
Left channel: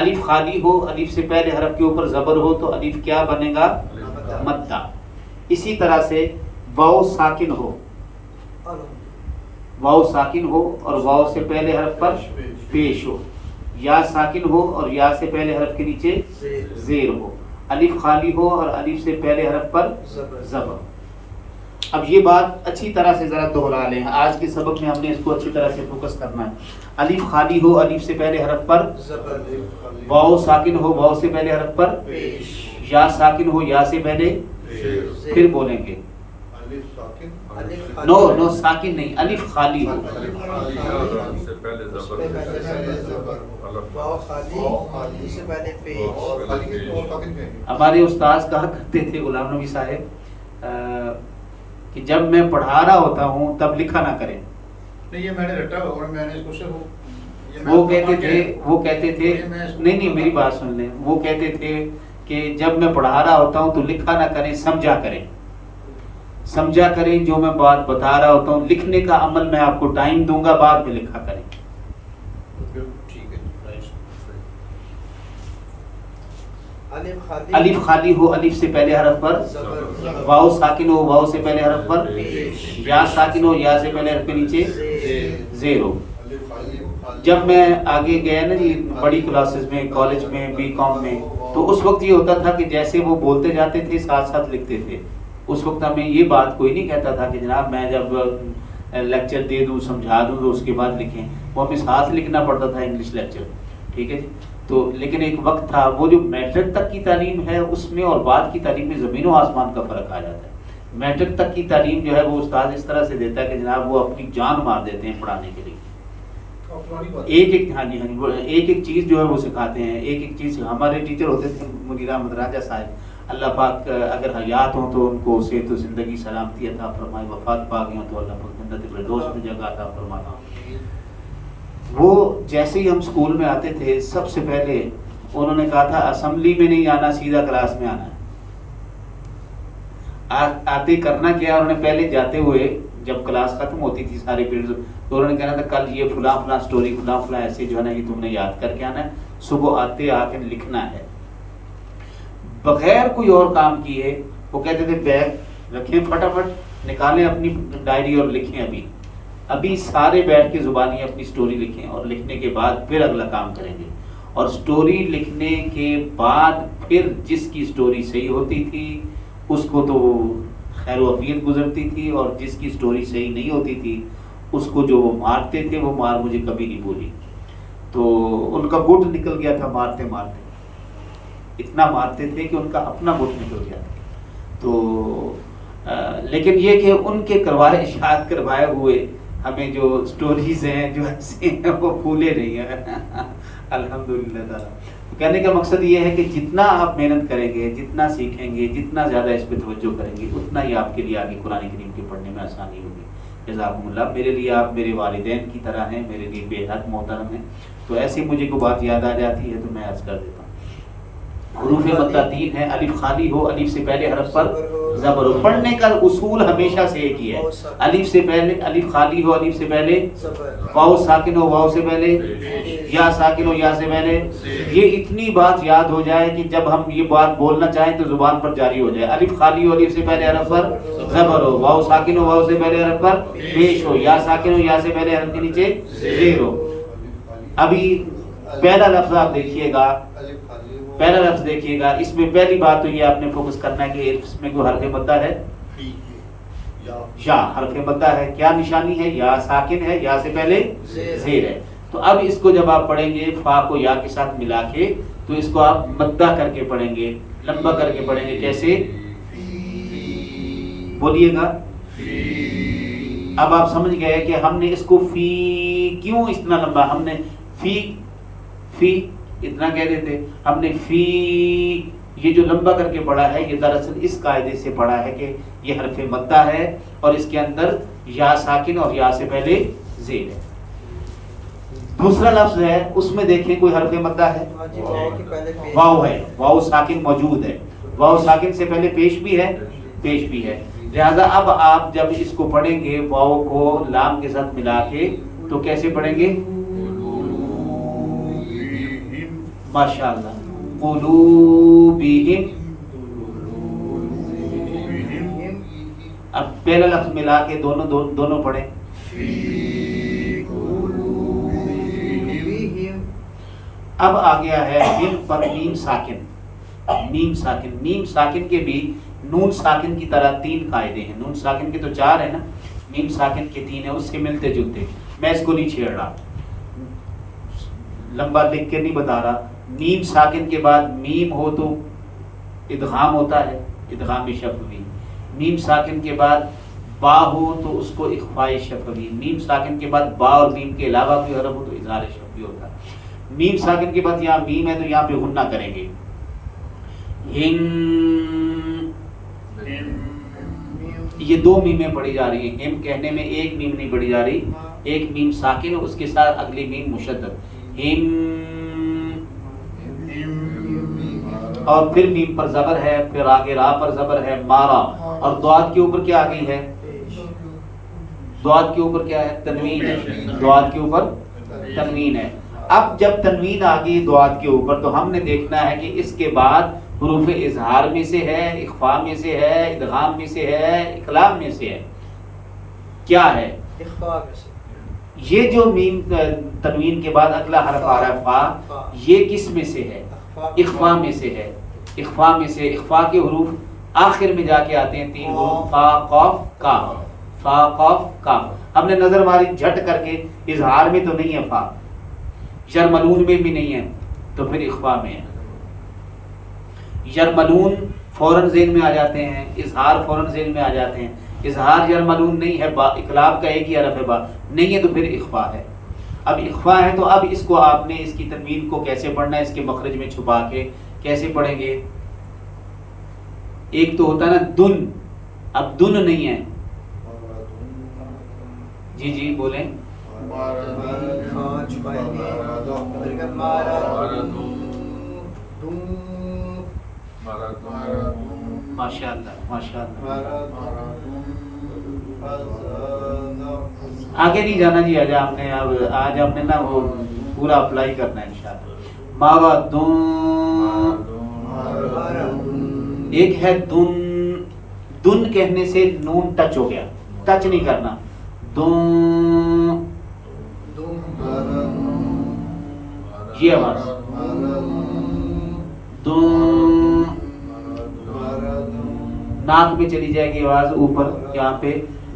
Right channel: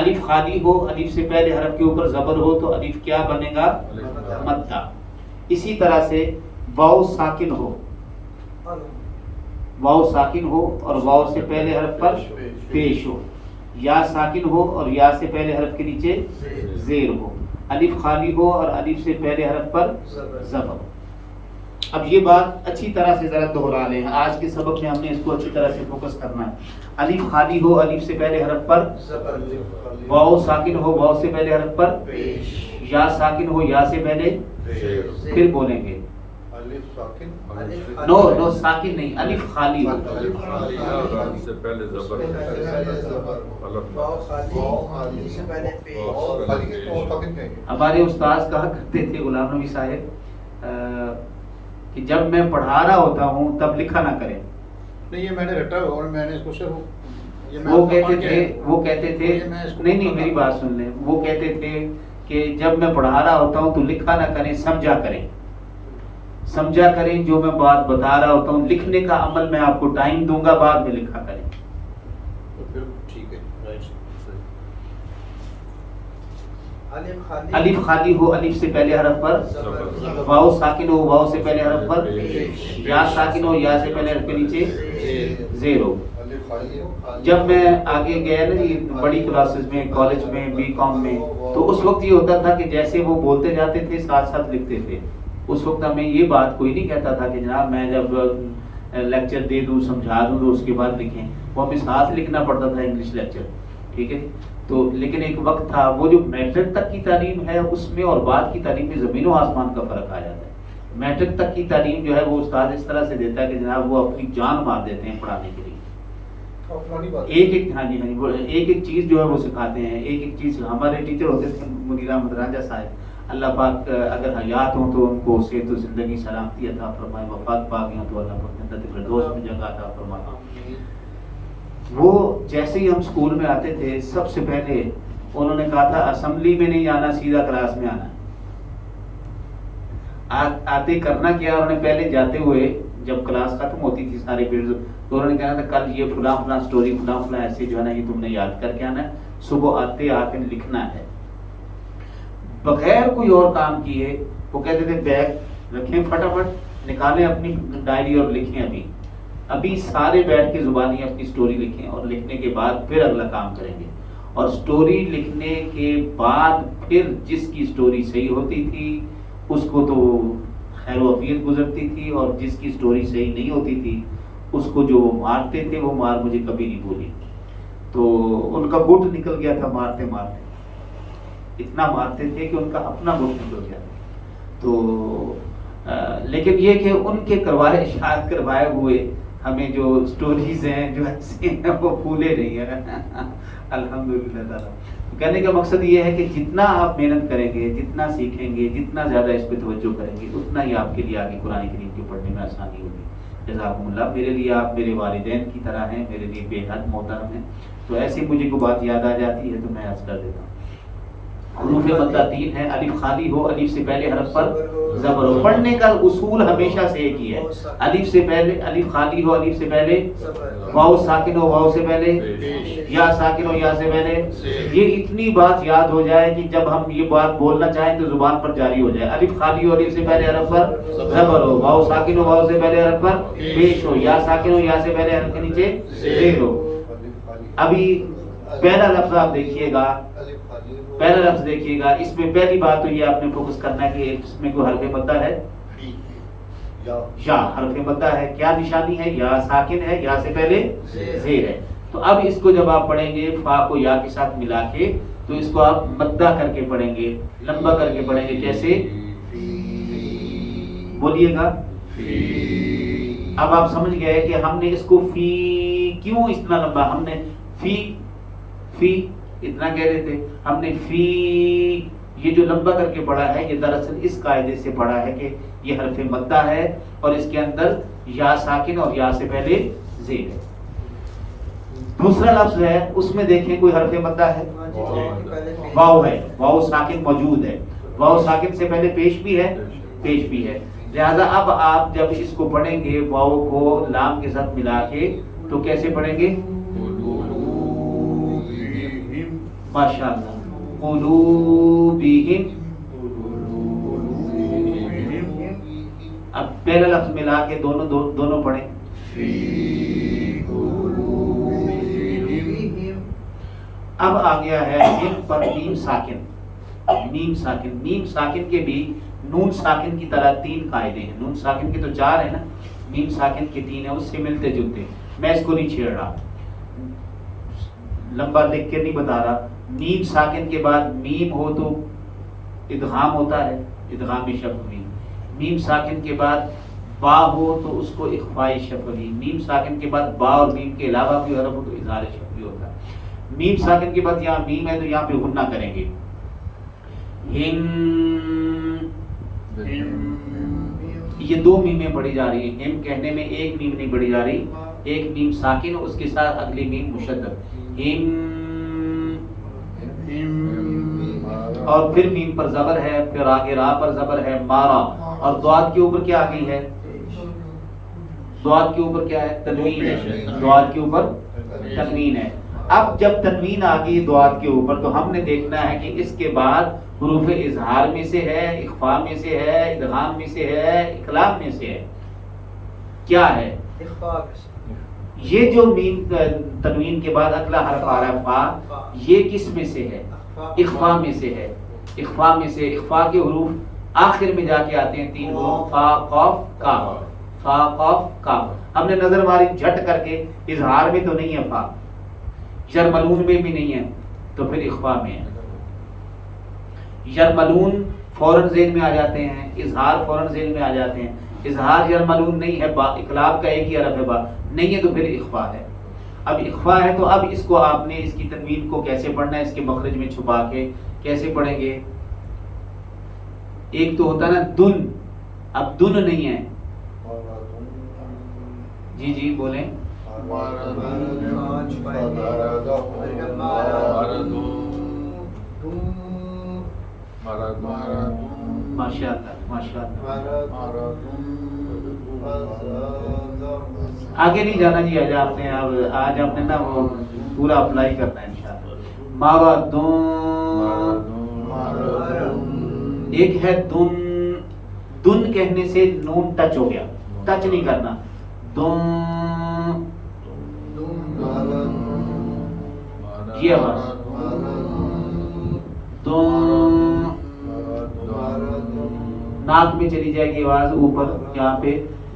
الف خالی ہو، الف سے پہلے حرف کے اوپر زبر ہو تو الف کیا بنے گا؟ مدہ. اسی طرح سے واو ساکن ہو، واو ساکن ہو اور واو سے پہلے حرف پر پیش ہو. یا ساکن ہو اور یا سے پہلے حرف کے نیچے زیر ہو. الف خالی ہو اور الف سے پہلے حرف پر زبر ہو. اب یہ بات اچھی طرح سے ذرا دوہرا لیں. آج کے سبق میں ہم نے اس کو اچھی طرح سے فوکس کرنا ہے. الف خالی ہو، الف سے پہلے حرف پر واو ساکن ہو، واو سے پہلے حرف پر یا ساکن ہو، یا سے پہلے. پھر بولیں گے الف ساکن نو نو ساکن نہیں، الف خالی ہو. سے پہلے زبر واو خالی اس سے پہلے پیش. ہمارے استاذ کہا کرتے تھے غلام نبی صاحب کہ جب میں پڑھا رہا ہوتا ہوں تب لکھا نہ کریں. نہیں، یہ میں نے رٹا اور میں نے اس کو صرف وہ کہتے تھے نہیں میری بات سن لیں. وہ کہتے تھے کہ جب میں پڑھا رہا ہوتا ہوں تو لکھا نہ کریں، سمجھا کریں. سمجھا کریں جو میں بات بتا رہا ہوتا ہوں. لکھنے کا عمل میں آپ کو ٹائم دوں گا، بعد میں لکھا کریں. ٹھیک ہے. الف خالی ہو، الف سے پہلے حرف پر واو ساکن ہو، واو سے پہلے حرف پر یا ساکن ہو، یا سے پہلے حرف کے نیچے زیر ہو. جب میں آگے گیا نا یہ بڑی کلاسز میں، کالج میں، بی کام میں، تو اس وقت یہ ہوتا تھا کہ جیسے وہ بولتے جاتے تھے ساتھ ساتھ لکھتے تھے. اس وقت ہمیں یہ بات کوئی نہیں کہتا تھا کہ جناب میں جب لیکچر دے دوں سمجھا دوں تو اس کے بعد لکھیں. وہ ہمیں ساتھ لکھنا پڑتا تھا انگلش لیکچر. ٹھیک ہے. تو لیکن ایک وقت تھا وہ جو میٹرک تک کی تعلیم ہے اس میں اور بعد کی تعلیم میں زمین و آسمان کا فرق آ جاتا ہے. میٹرک تک کی تعلیم جو ہے وہ استاد اس طرح سے دیتا ہے کہ جناب وہ اپنی جان مار دیتے ہیں پڑھانے کے لیے. ایک ایک چیز جو ہے وہ سکھاتے ہیں. ایک چیز ہمارے ٹیچر ہوتے تھے منیر احمد راجہ صاحب، اللہ پاک اگر حیات ہوں تو ان کو صحت و زندگی سلامتی عطا فرمائے، وفات پا گئی ہوں تو اللہ جنت الفردوس میں جگہ عطا فرمائے. وہ جیسے ہی ہم اسکول میں آتے تھے سب سے پہلے انہوں نے کہا تھا اسمبلی میں نہیں آنا، سیدھا کلاس میں آنا. آتے کرنا کیا، انہوں نے پہلے جاتے ہوئے جب کلاس ختم ہوتی تھی سارے پیریڈ تو انہوں نے کہنا تھا کل یہ فلاں فلاں سٹوری فلاں فلاں ایسے جو ہے نا یہ تم نے یاد کر کے آنا ہے، صبح آتے آ کے لکھنا ہے بغیر کوئی اور کام کیے. وہ کہتے تھے بیگ رکھیں فٹافٹ نکالیں اپنی ڈائری اور لکھیں. ابھی سارے بیٹھ کے زبانی اپنی سٹوری لکھیں اور لکھنے کے بعد پھر اگلا کام کریں گے. اور سٹوری لکھنے کے بعد پھر جس کی سٹوری صحیح ہوتی تھی اس کو تو خیر و عافیت گزرتی تھی، اور جس کی سٹوری صحیح نہیں ہوتی تھی اس کو جو وہ مارتے تھے وہ مار مجھے کبھی نہیں بولی. تو ان کا گٹ نکل گیا تھا مارتے مارتے، اتنا مارتے تھے کہ ان کا اپنا گٹ نکل گیا تھا. تو لیکن یہ کہ ان کے کروائے اشاعت کروائے ہوئے ہمیں جو سٹوریز ہیں جو ایسی ہیں وہ بھولے نہیں ہیں الحمدللہ تعالیٰ. کہنے کا مقصد یہ ہے کہ جتنا آپ محنت کریں گے، جتنا سیکھیں گے، جتنا زیادہ اس پہ توجہ کریں گے، اتنا ہی آپ کے لیے آگے قرآن کریم کے پڑھنے میں آسانی ہوگی. جزاکم اللہ. میرے لیے آپ میرے والدین کی طرح ہیں، میرے لیے بے حد محترم ہیں. تو ایسے مجھے کو بات یاد آ جاتی ہے تو میں عرض کر دیتا ہوں. حروف مدہ 3 ہے. الف خالی ہو، الف سے پہلے حرف پر زبر ہو. پڑھنے کا اصول ہمیشہ سے ایک ہی ہے. الف سے پہلے الف خالی ہو، الف سے پہلے واو ساکن ہو، واو سے پہلے یا ساکن ہو، یا سے پہلے. یہ اتنی بات یاد ہو جائے کہ جب ہم یہ بات بولنا چاہیں تو زبان پر جاری ہو جائے. الف خالی ہو، الف سے پہلے حرف پر زبر ہو. واو ساکن ہو، واو سے پہلے حرف پر پیش ہو. یا ساکن ہو، یا سے پہلے حرف کے نیچے زیر ہو. ابھی پہلا لفظ آپ دیکھیے گا، پہلا لفظ دیکھیے گا. اس میں پہلی بات تو یہ آپ نے فوکس کرنا ہے کہ اس میں کوئی حرف مدہ ہے، یا حرف مدہ ہے. کیا نشانی ہے؟ یا ساکن ہے، یا سے پہلے زیر ہے. تو اب اس کو جب آپ پڑھیں گے فا کو یا کے ساتھ ملا کے تو اس کو آپ مدہ کر کے پڑھیں گے، لمبا کر کے پڑھیں گے. جیسے بولیے گا. اب آپ سمجھ گئے کہ ہم نے اس کو فی کیوں اتنا لمبا، ہم نے فی اتنا کہہ رہے تھے، ہم نے فی یہ جو لمبا کر کے پڑھا ہے یہ دراصل اس قاعدے سے پڑھا ہے کہ یہ حرف مدہ ہے اور اس کے اندر یا ساکن اور یا سے پہلے زیر ہے. دوسرا لفظ ہے اس میں دیکھیں کوئی حرف مدہ ہے، واو ہے. واو ساکن موجود ہے. واو ساکن سے پہلے پیش بھی ہے، پیش بھی ہے. لہذا اب آپ جب اس کو پڑھیں گے واو کو لام کے ساتھ ملا کے تو کیسے پڑھیں گے؟ ماشاءاللہ. قلوبہم. اب پہلا لفظ ملا کے دونوں پڑھیں. اب آ گیا ہے میم پر میم ساکن. میم ساکن، میم ساکن کے بھی نون ساکن کی طرح 3 قاعدے ہیں. نون ساکن کے تو 4 ہیں نا، میم ساکن کے 3 ہیں، اس سے ملتے جلتے. میں اس کو نہیں چھیڑ رہا، لمبا لکھ کے نہیں بتا رہا. میم ساکن کے بعد میم ہو تو ادغام ہوتا ہے، ادغام بھی شف میم. میم ساکن کے بعد با ہو تو اس کو اخفاء شفوی، میم ساکن کے بعد با اور میم کے علاوہ کوئی حرف ہو تو اظہار شفوی ہوگا. میم ساکن کے بعد یہاں میم ہے تو یہاں پہ غنہ کریں گے. یہ دو میمیں پڑھی جا رہی ہیں. ہم کہنے میں ایک میم نہیں پڑھی جا رہی، ایک میم ساکن اس کے ساتھ اگلی میم مشدد. ہم اور پھر میم پر زبر ہے، پھر آگے را پر زبر ہے مارا، اور دواد کے اوپر کیا آ گئی ہے؟ دواد کے اوپر کیا ہے؟ تنوین ہے. دواد کے اوپر تنوین ہے. اب جب تنوین آ گئی دواد کے اوپر تو ہم نے دیکھنا ہے کہ اس کے بعد حروف اظہار میں سے ہے، اخفاء میں سے ہے، ادغام میں سے ہے، اقلاب میں سے ہے. کیا ہے؟ یہ جو میم تنوین کے بعد اگلا حرف آ رہا ہے فا، یہ کس میں سے ہے؟ اخفاء میں سے ہے. اخفاء میں سے، اخفاء کے حروف آخر میں جا کے آتے ہیں 3 حروف فا قاف کاف، فا قاف کاف. ہم نے نظر ماری جھٹ کر کے، اظہار میں تو نہیں ہے فا، یرملون میں بھی نہیں ہے، تو پھر اخفاء میں ہے. یرملون فوراً ذہن میں آ جاتے ہیں، اظہار فوراً ذہن میں آ جاتے ہیں. اظہار یرملون نہیں ہے، با اقلاب کا ایک ہی حرف ہے، با نہیں ہے تو پھر اخفاء ہے. اب اخفاء ہے تو اب اس کو آپ نے اس کی تنوین کو کیسے پڑھنا ہے؟ اس کے مخرج میں چھپا کے کیسے پڑھیں گے؟ ایک تو ہوتا ہے نا دن، اب دن نہیں ہے. جی جی بولیں. ماشاء اللہ ماشاء اللہ. آگے نہیں جانا جی. آج آپ نے نا وہ پورا اپلائی کرنا ہے انشاءاللہ. مارادون، ایک ہے دن. دن کہنے سے نون ٹچ ہو گیا، ٹچ نہیں کرنا. دن یہ آواز دن، ناک میں چلی جائے گی آواز اوپر یہاں پہ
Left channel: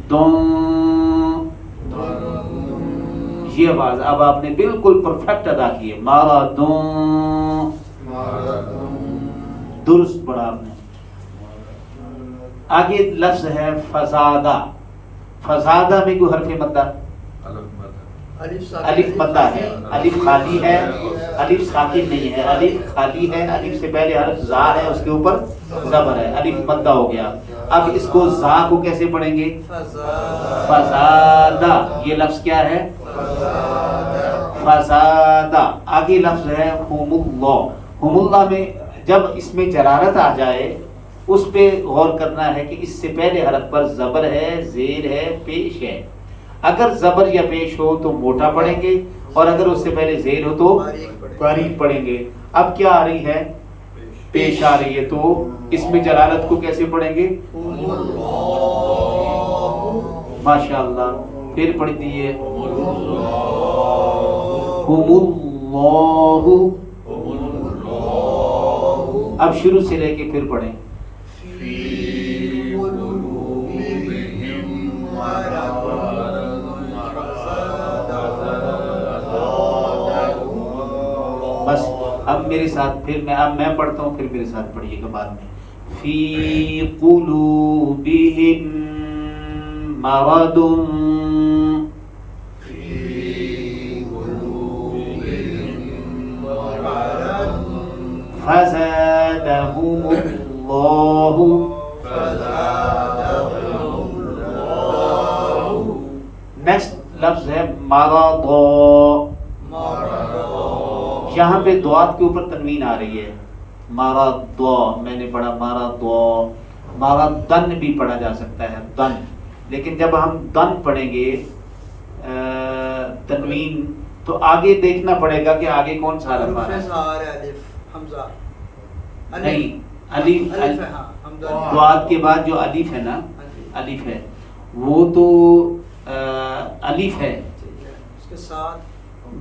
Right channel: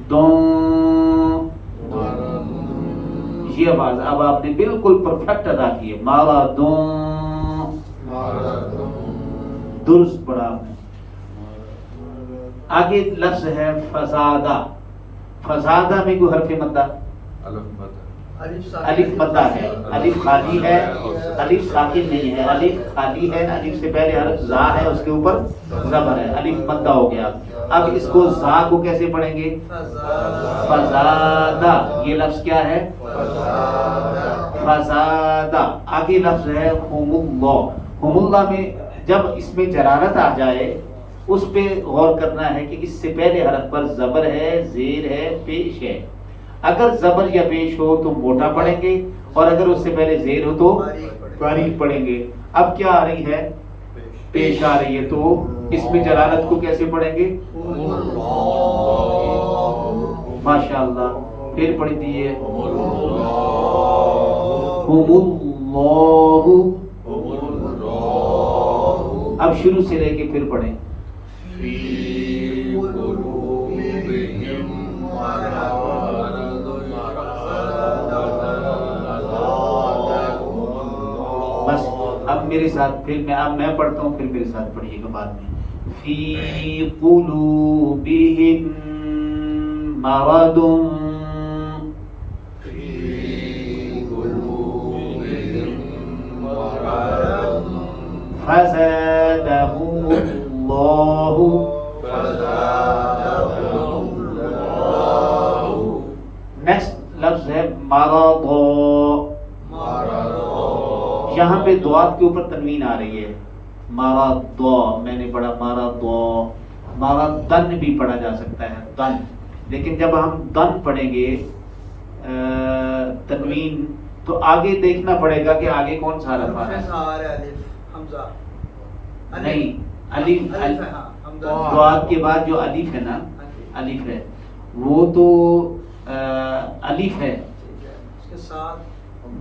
دون، یہ آواز اب آپ نے بالکل پرفیکٹ ادا کی ہے. مارا دون، درست پڑھا آپ نے. آگے لفظ ہے فزادہ. فزادہ میں کوئی حرف مدہ؟ الف مدہ ہے. الف خالی ہے، الف ساکن نہیں ہے. الف خالی ہے، الف سے پہلے حرف زا ہے، اس کے اوپر زبر ہے. الف مدہ ہو گیا. اب اس کو زا کو کیسے پڑھیں گے؟ فزادہ. یہ لفظ کیا ہے؟ فزادہ. آگے لفظ ہے ہم اللہ. ہم اللہ میں جب اس میں جرارت آ جائے اس پہ غور کرنا ہے کہ اس سے پہلے حرف پر زبر ہے، زیر ہے، پیش ہے. اگر زبر یا پیش ہو تو موٹا پڑھیں گے، اور اگر اس سے پہلے زیر ہو تو باریک پڑھیں گے. اب کیا آ رہی ہے؟ پیش آ رہی ہے، تو اس میں جلالت کو کیسے پڑھیں گے؟ ماشاء اللہ. پھر پڑھ دیے اب شروع سے لے کے پھر پڑھیں. بس اب میرے ساتھ پھر میں پڑھتا ہوں، پھر میرے ساتھ پڑھیے گا بعد میں. فی قلوبہم مرض فزادہم اللہ. نیکسٹ لفظ ہے مرض. یہاں پہ دوات کے اوپر تنوین آ رہی ہے. مرض میں نے پڑھا مرض. مرضن بھی پڑھا جا سکتا ہے دن، لیکن جب ہم دن پڑھیں گے تنوین تو آگے دیکھنا پڑے گا کہ آگے کون سا حرف آ رہا ہے. نہیں، الف دوات کے بعد جو الف ہے نا، الف ہے وہ تو الف ہے.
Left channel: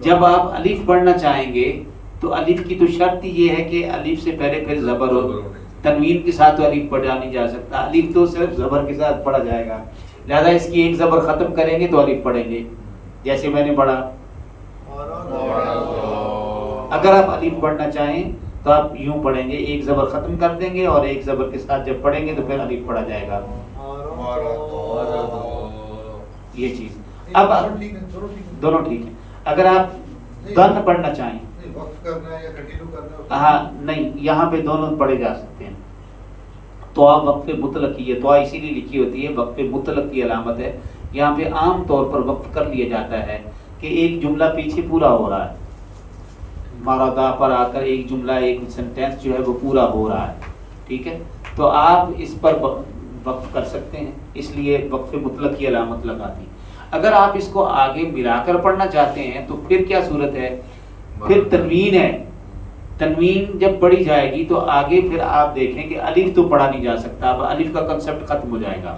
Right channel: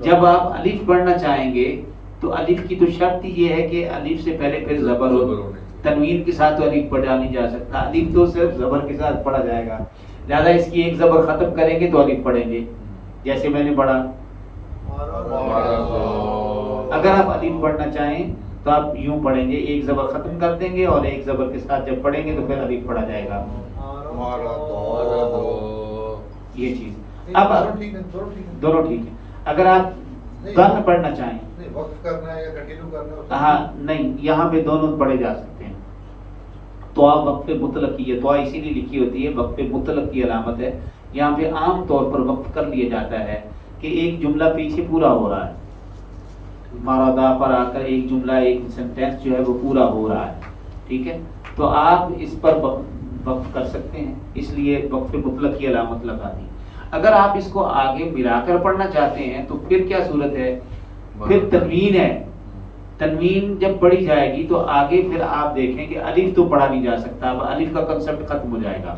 جب آپ الف پڑھنا چاہیں گے تو الف کی تو شرط یہ ہے کہ الف سے پہلے پھر زبر ہو. تنوین کے ساتھ تو الف پڑھا نہیں جا سکتا. الف تو صرف زبر کے ساتھ پڑھا جائے گا، لہذا اس کی ایک زبر ختم کریں گے تو الف پڑھیں گے. جیسے میں نے پڑھا. اگر آپ الف پڑھنا چاہیں تو آپ یوں پڑھیں گے، ایک زبر ختم کر دیں گے اور ایک زبر کے ساتھ جب پڑھیں گے تو پھر الف پڑھا جائے گا. یہ چیز اب دونوں ٹھیک ہیں. اگر آپ دن پڑھنا چاہیں وقف کرنا ہے یا کنٹینیو کرنا ہے؟ ہاں نہیں، یہاں پہ دونوں پڑھے جا سکتے ہیں. دعا وقف مطلق کی ہے، دعا اسی لیے لکھی ہوتی ہے وقف مطلق کی علامت ہے. یہاں پہ عام طور پر وقف کر لیا جاتا ہے کہ ایک جملہ پیچھے پورا ہو رہا ہے، مارا دا پر آ کر ایک جملہ ایک سینٹینس جو ہے وہ پورا ہو رہا ہے. ٹھیک ہے، تو آپ اس پر وقف کر سکتے ہیں، اس لیے وقف مطلق کی علامت لگا دی. اگر آپ اس کو آگے ملا کر پڑھنا چاہتے ہیں تو پھر کیا صورت ہے، پھر تنوین ہے. تنوین جب پڑھی جائے گی تو آگے پھر آپ دیکھیں کہ الف تو پڑھا نہیں جا سکتا، اب الف کا کنسپٹ ختم ہو جائے گا.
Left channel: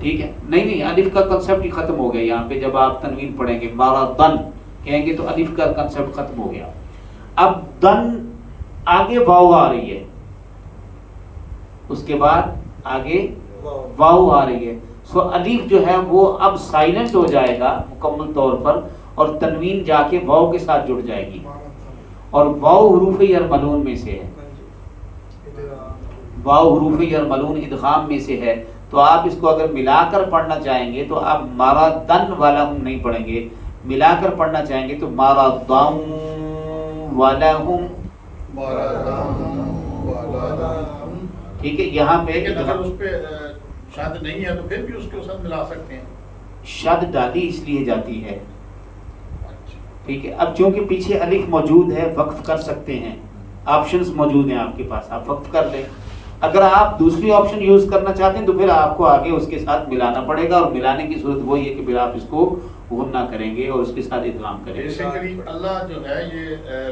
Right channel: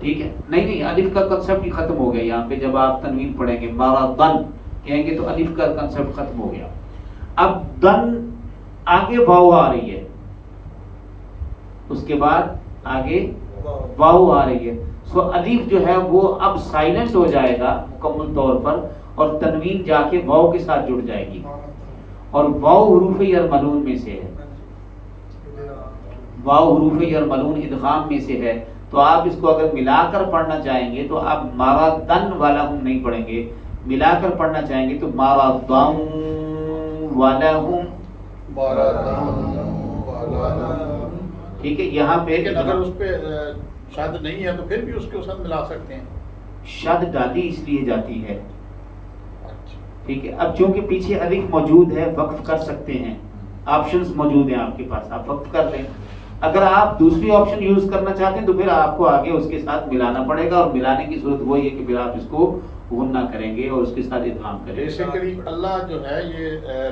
ٹھیک ہے، نہیں الف کا کنسپٹ ہی ختم ہو گیا. یہاں پہ جب آپ تنوین پڑھیں گے مارا دن کہیں گے تو الف کا کنسپٹ ختم ہو گیا. اب دن آگے واو آ رہی ہے، اس کے بعد آگے واو آ رہی ہے، سو الف جو ہے وہ اب سائلنٹ ہو جائے گا مکمل طور پر، اور تنوین جا کے واو کے ساتھ جڑ جائے گی. اور واو حروف یرملون میں سے ہے، واو حروف یرملون ادغام میں سے ہے. تو آپ اس کو اگر ملا کر پڑھنا چاہیں گے تو آپ مارا دن والا ہم نہیں پڑھیں گے، ملا کر پڑھنا چاہیں گے تو مارا دم والا ہوں. ٹھیک ہے، یہاں پہ لیکن اگر اس پہ شد نہیں ہے تو پھر بھی اس کے ساتھ ملا سکتے ہیں. شد ڈالی اس لیے جاتی ہے. ٹھیک ہے، اب چونکہ پیچھے الف موجود ہے وقف کر سکتے ہیں، آپشنز موجود ہیں آپ کے پاس، آپ وقف کر لیں. اگر آپ دوسری آپشن یوز کرنا چاہتے ہیں تو پھر آپ کو آگے اس کے ساتھ ملانا پڑے گا، اور ملانے کی صورت وہی ہے کہ پھر آپ اس کو غنہ کریں گے اور اس کے ساتھ ادغام کریں گے. بیسیکلی اللہ جو ہے یہ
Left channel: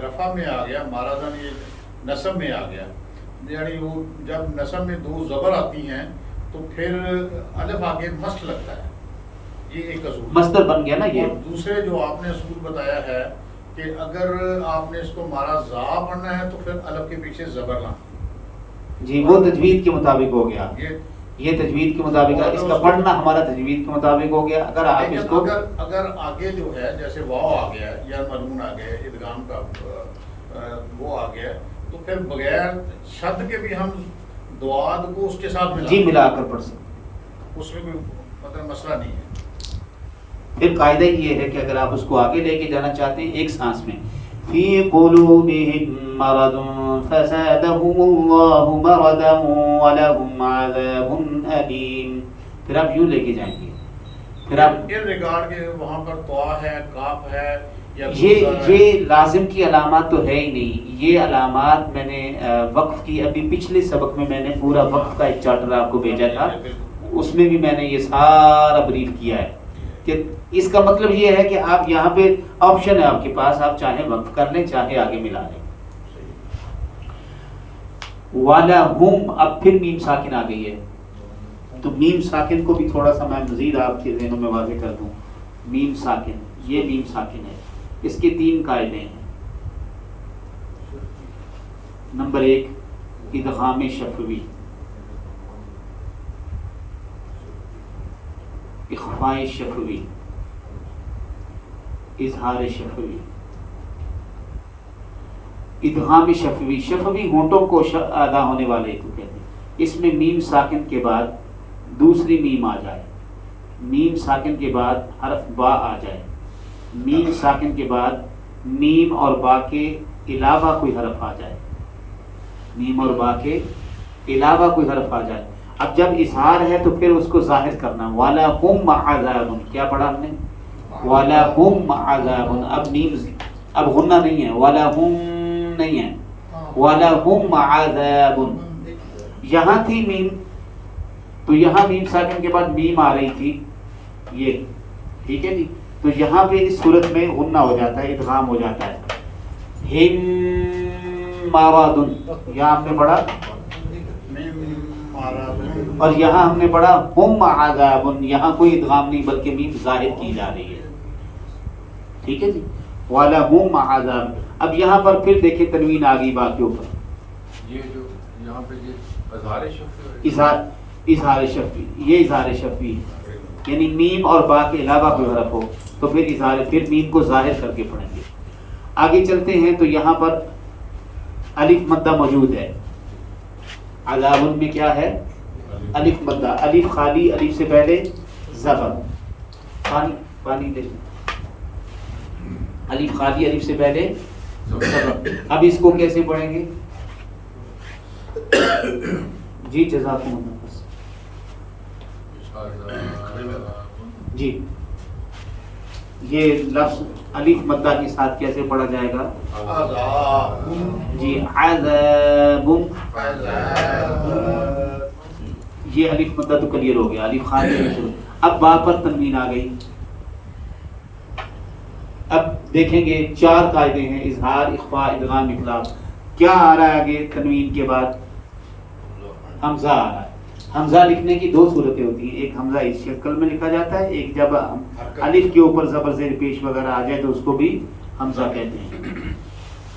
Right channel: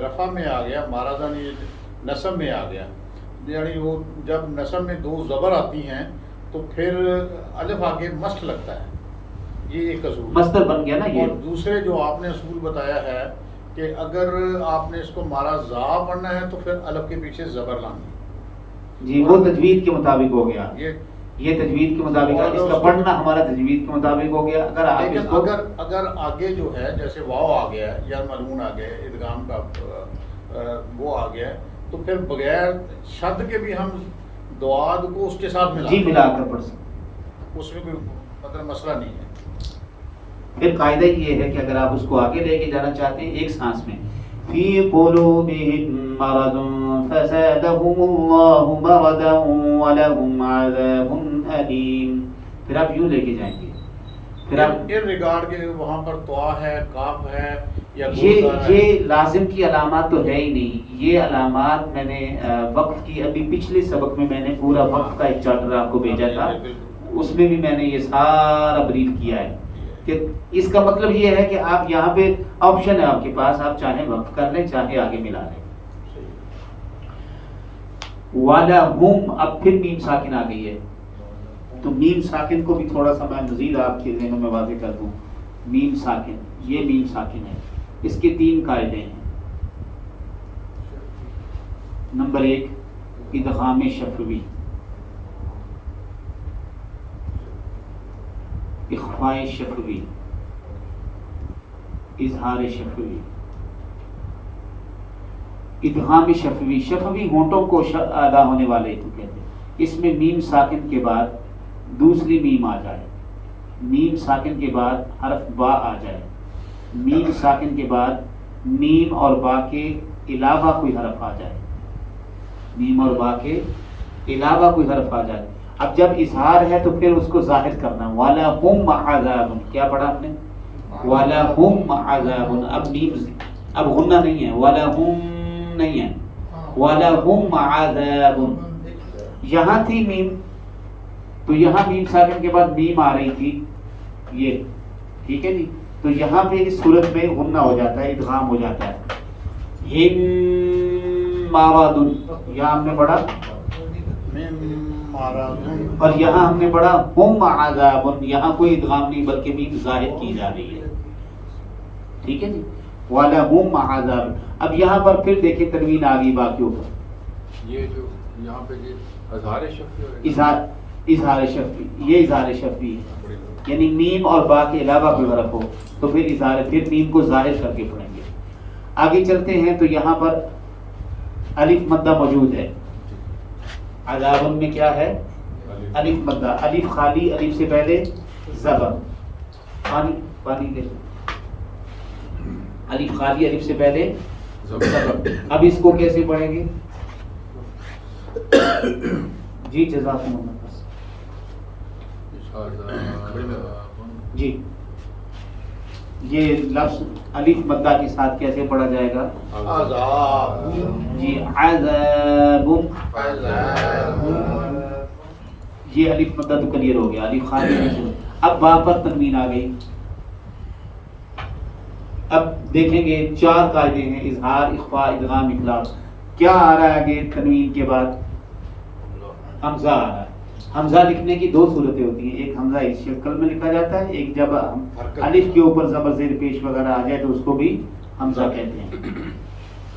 رفع میں آ گیا، مارادن یہ نصب میں آ گیا. یعنی وہ جب نصب میں دو زبر آتی ہیں تو پھر الف آگے مست لگتا ہے، یہ ایک اصول مصدر بن گیا نا یہ. اور دوسرے جو آپ نے اصول بتایا ہے کہ اگر آپ نے اس کو مارا زا پڑھنا ہے تو پھر الف کے پیچھے زبر لانا. جی وہ تجوید کے مطابق ہو گیا، یہ یہ تجوید کے مطابق، اس کا پڑھنا ہمارا تجوید کے مطابق ہو گیا. اگر آپ اس کو اگر آگے جو ہے جیسے واو آ گیا یا ملون آ گیا، ادغام کا وہ آ گیا، تو پھر بغیر شد کے بھی ہم دعاد کو اس کے ساتھ جی ملا کر پڑھ سکتے ہیں، اس میں کوئی مطلب مسئلہ نہیں ہے. پھر قاعدہ یہ ہے کہ اگر آپ اس کو آگے لے کے جانا چاہتے ہیں ایک سانس میں، فی قلوبہم مرض فزادہم اللہ مرضا ولہم عذاب علیم، پھر آپ یوں لے کے جائیں گے. پھر آپ ان ریگارڈ کے وہاں پر طوا ہے، کاف ہے یا یہ لازم کی علامات تو ہے ہی نہیں. یہ علامات میں نے وقف کی، ابھی پچھلے سبق میں میں نے پورا وقف کا ایک چارٹر آپ کو بھیجا تھا، اس میں بھی میں نے یہ سارا بریف کیا ہے کہ اس کا مطلب یہ ہے کہ آپ یہاں پہ آپشن ہے آپ کے پاس، آپ چاہیں وقف کر لیں چاہے آگے ملا لیں. وَلَهُمْ اب پھر میم ساکن آ گئی ہے، تو میم ساکن کو بھی تھوڑا سا میں مزید آپ کے ذہنوں میں واضح کر دوں. میم ساکن، یہ میم ساکن ہے، اس کے 3 قاعدے ہیں. نمبر 1 ادغام شفوی، اخفاء شفوی، اظہار شفوی. ادغام شفوی، شفوی ہونٹوں کو ادا ہونے والے کو کہتے ہیں. اس میں میم ساکن کے بعد دوسری میم آ جائے، میم ساکن کے بعد حرف با آ جائے، میم ساکن کے بعد میم اور با کے علاوہ کوئی حرف آ جائے، میم اور با کے علاوہ کوئی حرف آ جائے. اب جب اظہار ہے تو پھر اس کو ظاہر کرنا. وَلَهُمْ عَذَابٌ، کیا پڑھا ہم نے؟ وَلَهُمْ عَذَابٌ. اب میم اب غنہ نہیں ہے، وَلَهُمْ نہیں ہے، وَلَهُمْ عَذَابٌ. یہاں تھی میم، تو یہاں میم ساکن کے بعد میم آ رہی تھی یہ، ٹھیک ہے جی. تو یہاں پہ اس صورت میں غنہ ہو جاتا ہے، ادغام ہو جاتا ہے. ہم مارادن، یہاں ہم نے پڑھا، اور یہاں ہم نے پڑھا ہم عذاب، یہاں کوئی ادغام نہیں بلکہ میم ظاہر کی جا رہی ہے. ٹھیک ہے جی، وَلَهُمْ عَذَابٌ. اب یہاں پر پھر دیکھیں تنوین آ گئی باقیوں پر. یہ جو یہاں پہ یہ اظہار شفوی، یہ اظہار شفوی ہے، یعنی میم اور با کے علاوہ کوئی حرف ہو تو پھر میم کو ظاہر کر کے پڑھیں گے. آگے چلتے ہیں تو یہاں پر الف مدہ موجود ہے. عذاب میں کیا ہے؟ الف مدہ، الف خالی، الف سے پہلے زبر، پانی دے، الف خالی، الف سے پہلے زبر. اب اس کو کیسے پڑھیں گے؟ جی جزاکم اللہ. جی یہ لفظ الف مدہ کے ساتھ کیسے پڑھا جائے گا؟ جی عذاب. یہ الف مدہ تو کلیئر ہو گیا، الف خالی. اب با پر تنوین آ گئی. اب دیکھیں گے 4 قاعدے ہیں، اظہار، اخفاء، ادغام، اقلاب. کیا آ رہا ہے آگے تنوین کے بعد؟ حمزہ آ رہا ہے. حمزہ لکھنے کی 2 صورتیں ہوتی ہیں، ایک حمزہ اس شکل میں لکھا جاتا ہے، ایک جب الف کے اوپر زبر زیر پیش وغیرہ آ جائے تو اس کو بھی حمزہ کہتے ہیں.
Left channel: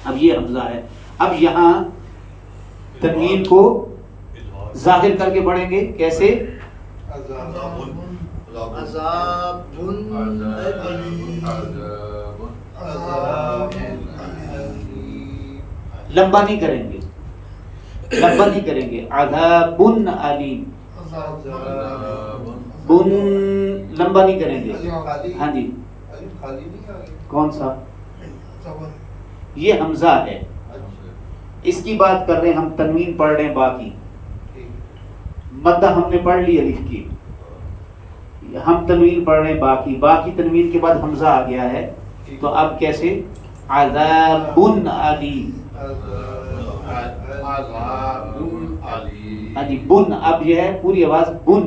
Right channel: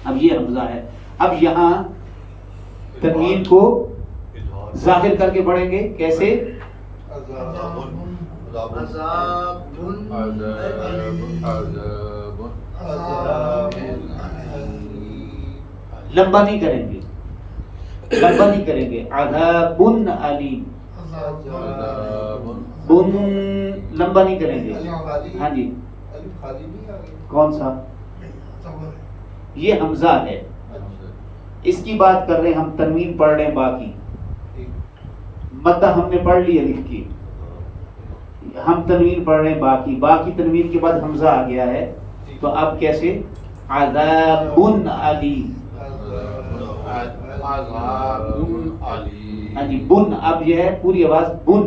اب یہ حمزہ ہے. اب یہاں تنوین کو ظاہر کر کے پڑھیں گے، کیسے؟ لمبا نہیں کریں گے، لمبا نہیں کریں گے. عذاب علیم، بن لمبا نہیں کریں گے. ہاں جی کون سا؟ یہ حمزہ ہے. اس کی بات کر رہے ہیں ہم، تنوین پڑھ رہے ہیں. باقی مدہ ہم نے پڑھ لی الف کی، ہم تنوین پڑھ رہے ہیں باقی تنوین کے بعد حمزہ آ گیا ہے. تو اب کیسے؟ عذاب علیم. ہاں جی بن. اب یہ ہے پوری آواز بن.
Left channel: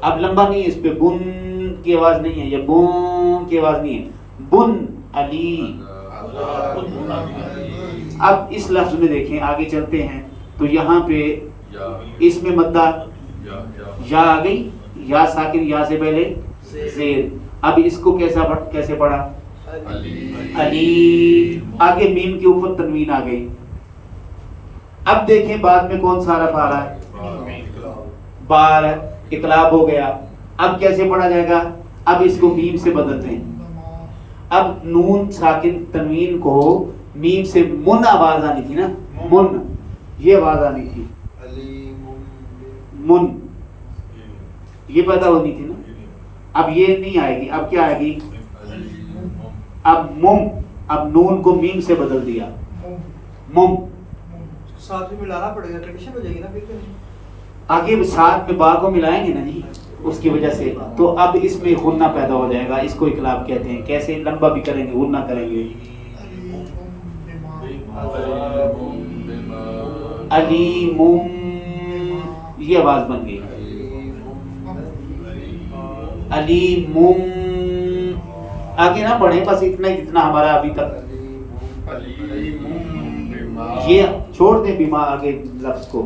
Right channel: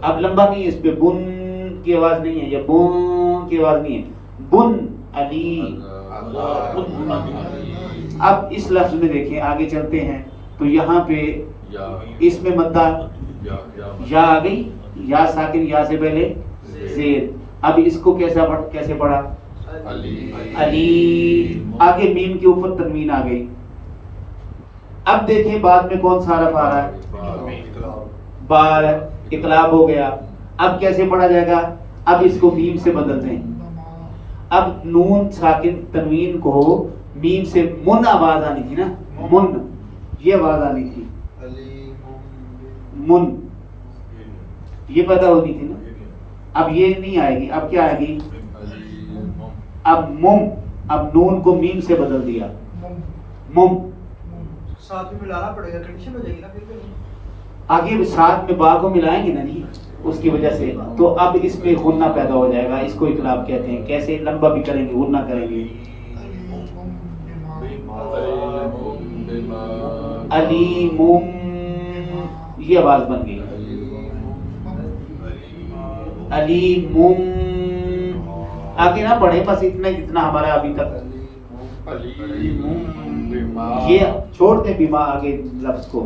اب لمبا نہیں ہے، اس پہ بن کی آواز نہیں ہے یا بن کی آواز نہیں ہے. بن علی. اب اس لفظ میں دیکھیں، آگے چلتے ہیں تو یہاں پہ اس میں مدہ یا آ گئی، یا ساکن، یا سے پہلے زیر. اب اس کو کیسے پڑھا؟ علی. آگے میم کے اوپر تنوین آ گئی. اب دیکھیں بعد میں کون سا حرف آ رہا ہے؟ بار. اقلاب ہو گیا. اب کیسے پڑھا جائے گا؟ اب اس کو میم سے بدلتے ہیں. اب نون ساکن تنوین کو میم سے من آواز آنی تھی نا، من یہ آواز آنی تھی، من یہ پیدا ہونی تھی نا. اب یہ نہیں آئے گی. اب کیا آئے گی؟ اب مم. اب نون کو میم سے بدل دیا، مم. ساتھ میں ملانا پڑے گا، کنڈیشن ہو جائے گی نا پھر. آگے ساتھ میں با کو ملائیں گے نا جی، اس کی وجہ سے. تو اب اس میں غنہ پیدا ہو جائے گا. اس کو اقلاب کہتے ہیں. کیسے؟ لمبا بھی کریں گے، غنہ کریں گے. علیم. یہ آواز بن گئی علیم. آگے نہ پڑھے، بس اتنا جتنا ہمارا ابھی تک. یہ چھوڑ دیں بیما آگے لفظ کو.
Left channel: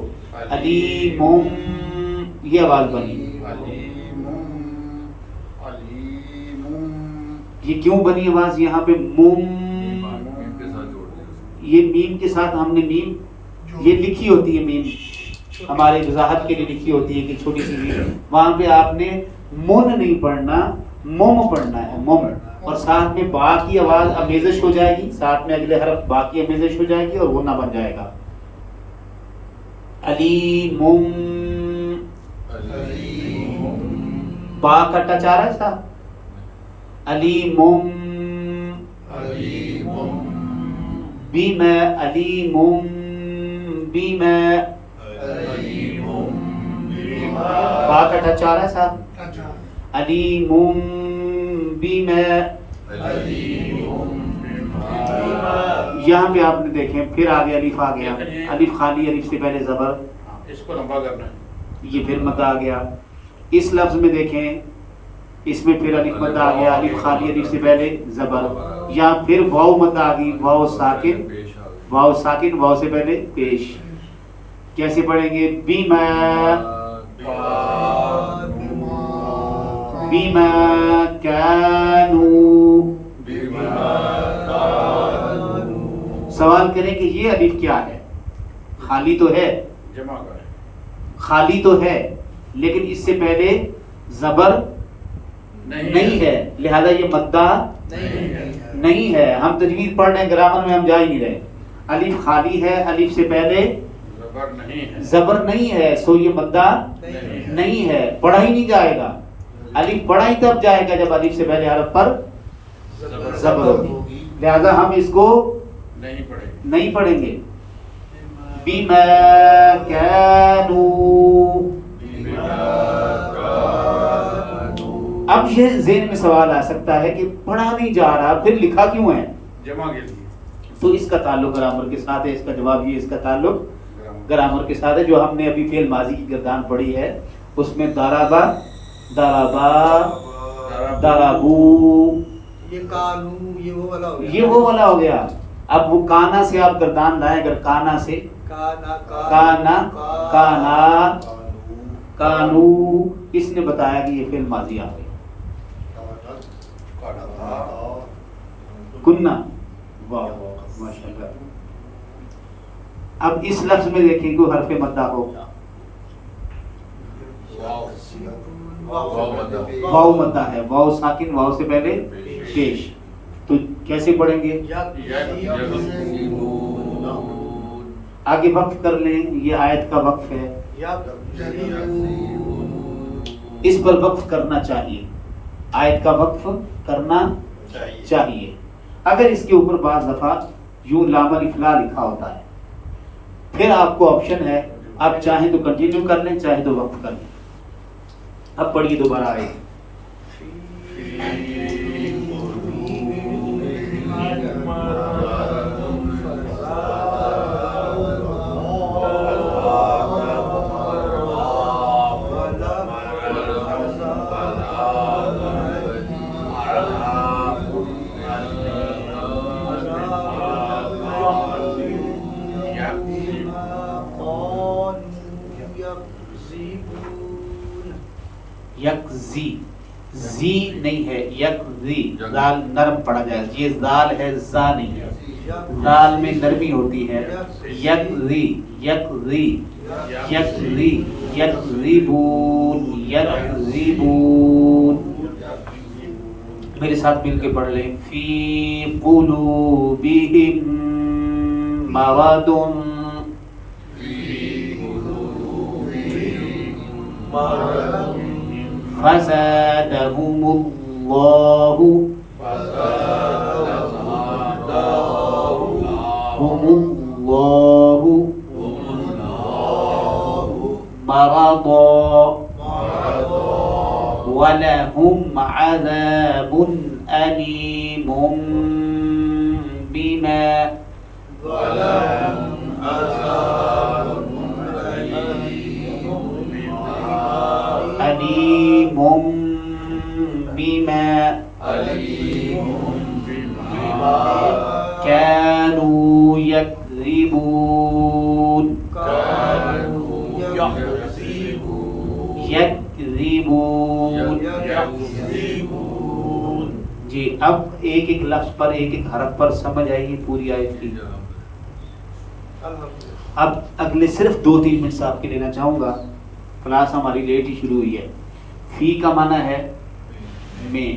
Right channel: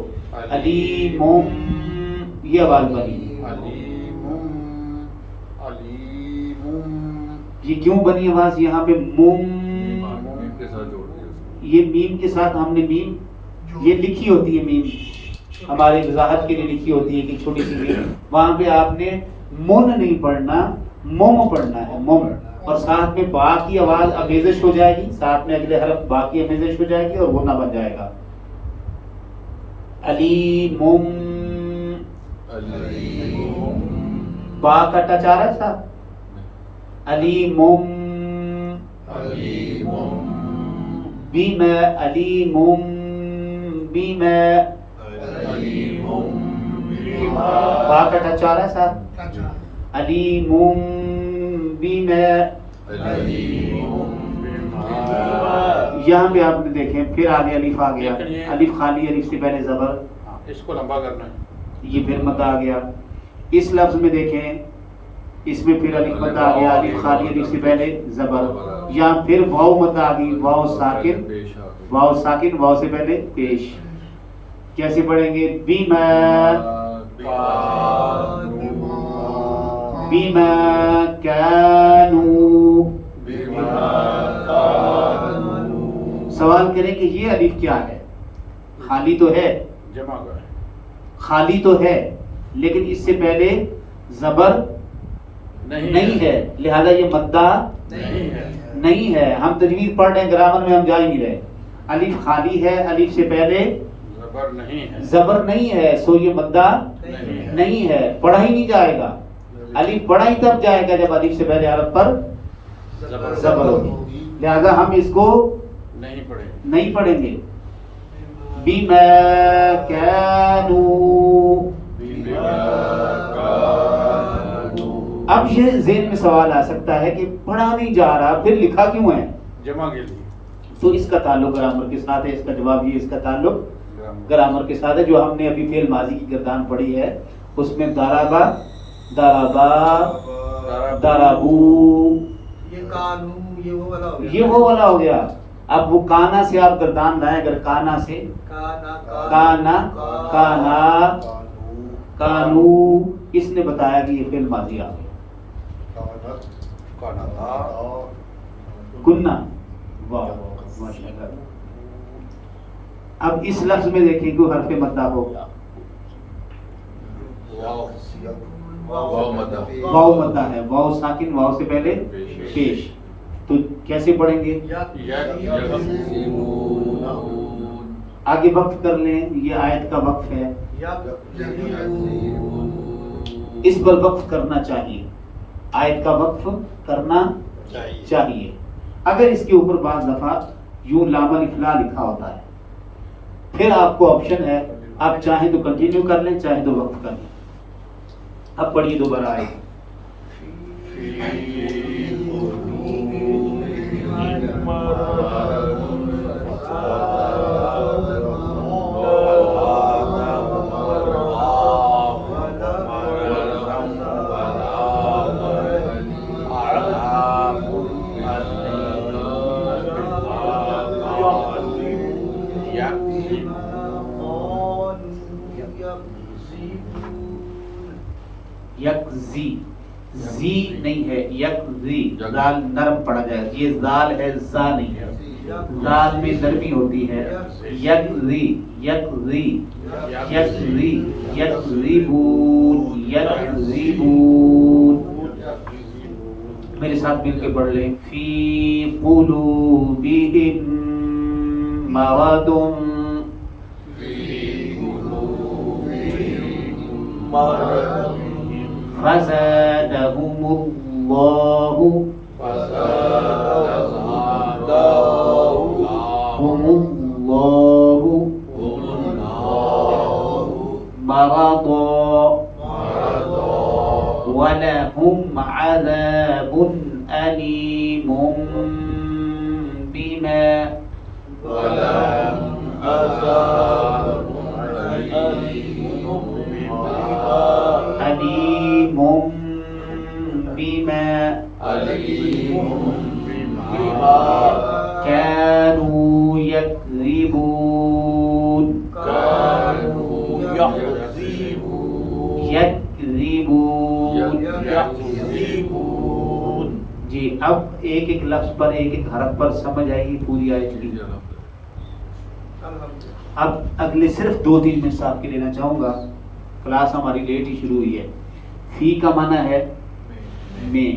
علیم. یہ آواز بنی. یہ کیوں بنی آواز یہاں پہ؟ موم. یہ میم کے ساتھ ہم نے میم یہ لکھی ہوتی ہے، میم ہمارے وضاحت کے لیے لکھی ہوتی ہے کہ چھوٹی سی میم. وہاں پہ آپ نے من نہیں پڑھنا، موم پڑھنا ہے، موم. اور ساتھ میں با کی آواز امیزش ہو جائے گی، ساتھ میں اگلے حرف با کی امیزش ہو جائے گی اور غنہ بن جائے گا. علیم. با کا ٹچ آ رہا ہے صاحب. علیم. بما علیم. بما با کا ٹچ آ رہا ہے ساتھ. علیم بما. یہاں پہ آپ نے دیکھیں پھر آگے الف آ گیا. الف خالی، الف سے پہلے زبر، اس کو لمبا کرنا ہے. یہ پھر مدہ آ گیا. اس لفظ میں دیکھیں اس میں پھر الف مدہ آ گیا. الف خالی، الف سے پہلے زبر. یہاں پھر واو مدہ آ گئی. واو ساکن، واو ساکن، واو سے پہلے پیش. کیسے پڑھیں گے؟ بیما. بیما کانو. سوال کریں کہ یہ الف کیا ہے؟ خالی تو ہے، جمع کریں. خالی تو ہے لیکن اس سے پہلے زبر نہیں ہے، لہذا یہ مدہ نہیں ہے. ہم تجوید پڑھ رہے ہیں، گرامر میں ہم جا ہی نہیں رہے. الف خالی ہے، الف سے پہلے زبر نہیں ہے، سو یہ مدہ نہیں ہے، پڑھا ہی نہیں جائے گا. الف پڑھا ہی تب جائے گا جب الف سے پہلے حرف پر زبر ہوگی. لہذا ہم اس کو نہیں پڑھیں گے. بما كانوا. اب یہ ذہن میں سوال آ سکتا ہے کہ پڑھا نہیں جا رہا پھر لکھا کیوں ہے؟ جمع کے لیے. تو اس کا تعلق گرامر کے ساتھ ہے. اس کا جواب یہ اس کا تعلق گرامر کے ساتھ ہے. جو ہم نے ابھی فعل ماضی کی گردان پڑھی ہے اس میں ضربا، ضربا، ضربو، یہ کانو، یہ وہ والا ہو گیا. یہ وہ والا ہو گیا. اب وہ کانا سے آپ گردان لائیں. اگر کانا سے کانا، کانا، کانو، اس نے بتایا کہ یہ فعل ماضی آ گیا. کننا. واہ ماشاءاللہ. اب اس لفظ میں دیکھیں کوئی حرف مدہ ہو. واو مدہ ہے. واو ساکن، واو سے پہلے پیش. تو کیسے پڑھیں گے؟ آگے وقف کر لیں. یہ آیت کا وقف ہے. اس پر وقف کرنا چاہیے. آیت کا وقف کرنا چاہیے. اگر اس کے اوپر بعض دفعہ یوں لام الف لا لکھا ہوتا ہے پھر آپ کو آپشن ہے، آپ چاہیں تو کنٹینیو کر لیں، چاہیں تو وقف کر لیں. اب پڑھیے دوبارہ آئے. یکزی، زی نہیں ہے، یکزی. لال نرم پڑا جائے. یہ زال ہے، زا نہیں ہے. لال میں نرمی ہوتی ہے. یکزی، یکزی، یکزی، یکزیبون، یکزیبون. میرے ساتھ مل کے پڑھ لیں. فی قلوبہم مرض، فزادهم الله مرضا ولهم عذاب أليم بما كانوا يكذبون. يكذبون. جی اب ایک ایک لفظ پر، ایک ایک حرف پر سمجھ آئے گی پوری آیت کی. اب اگلے صرف 2-3 منٹ آپ کے لینا چاہوں گا. کلاس ہماری لیٹ ہی شروع ہوئی ہے. فی کا معنی ہے میں،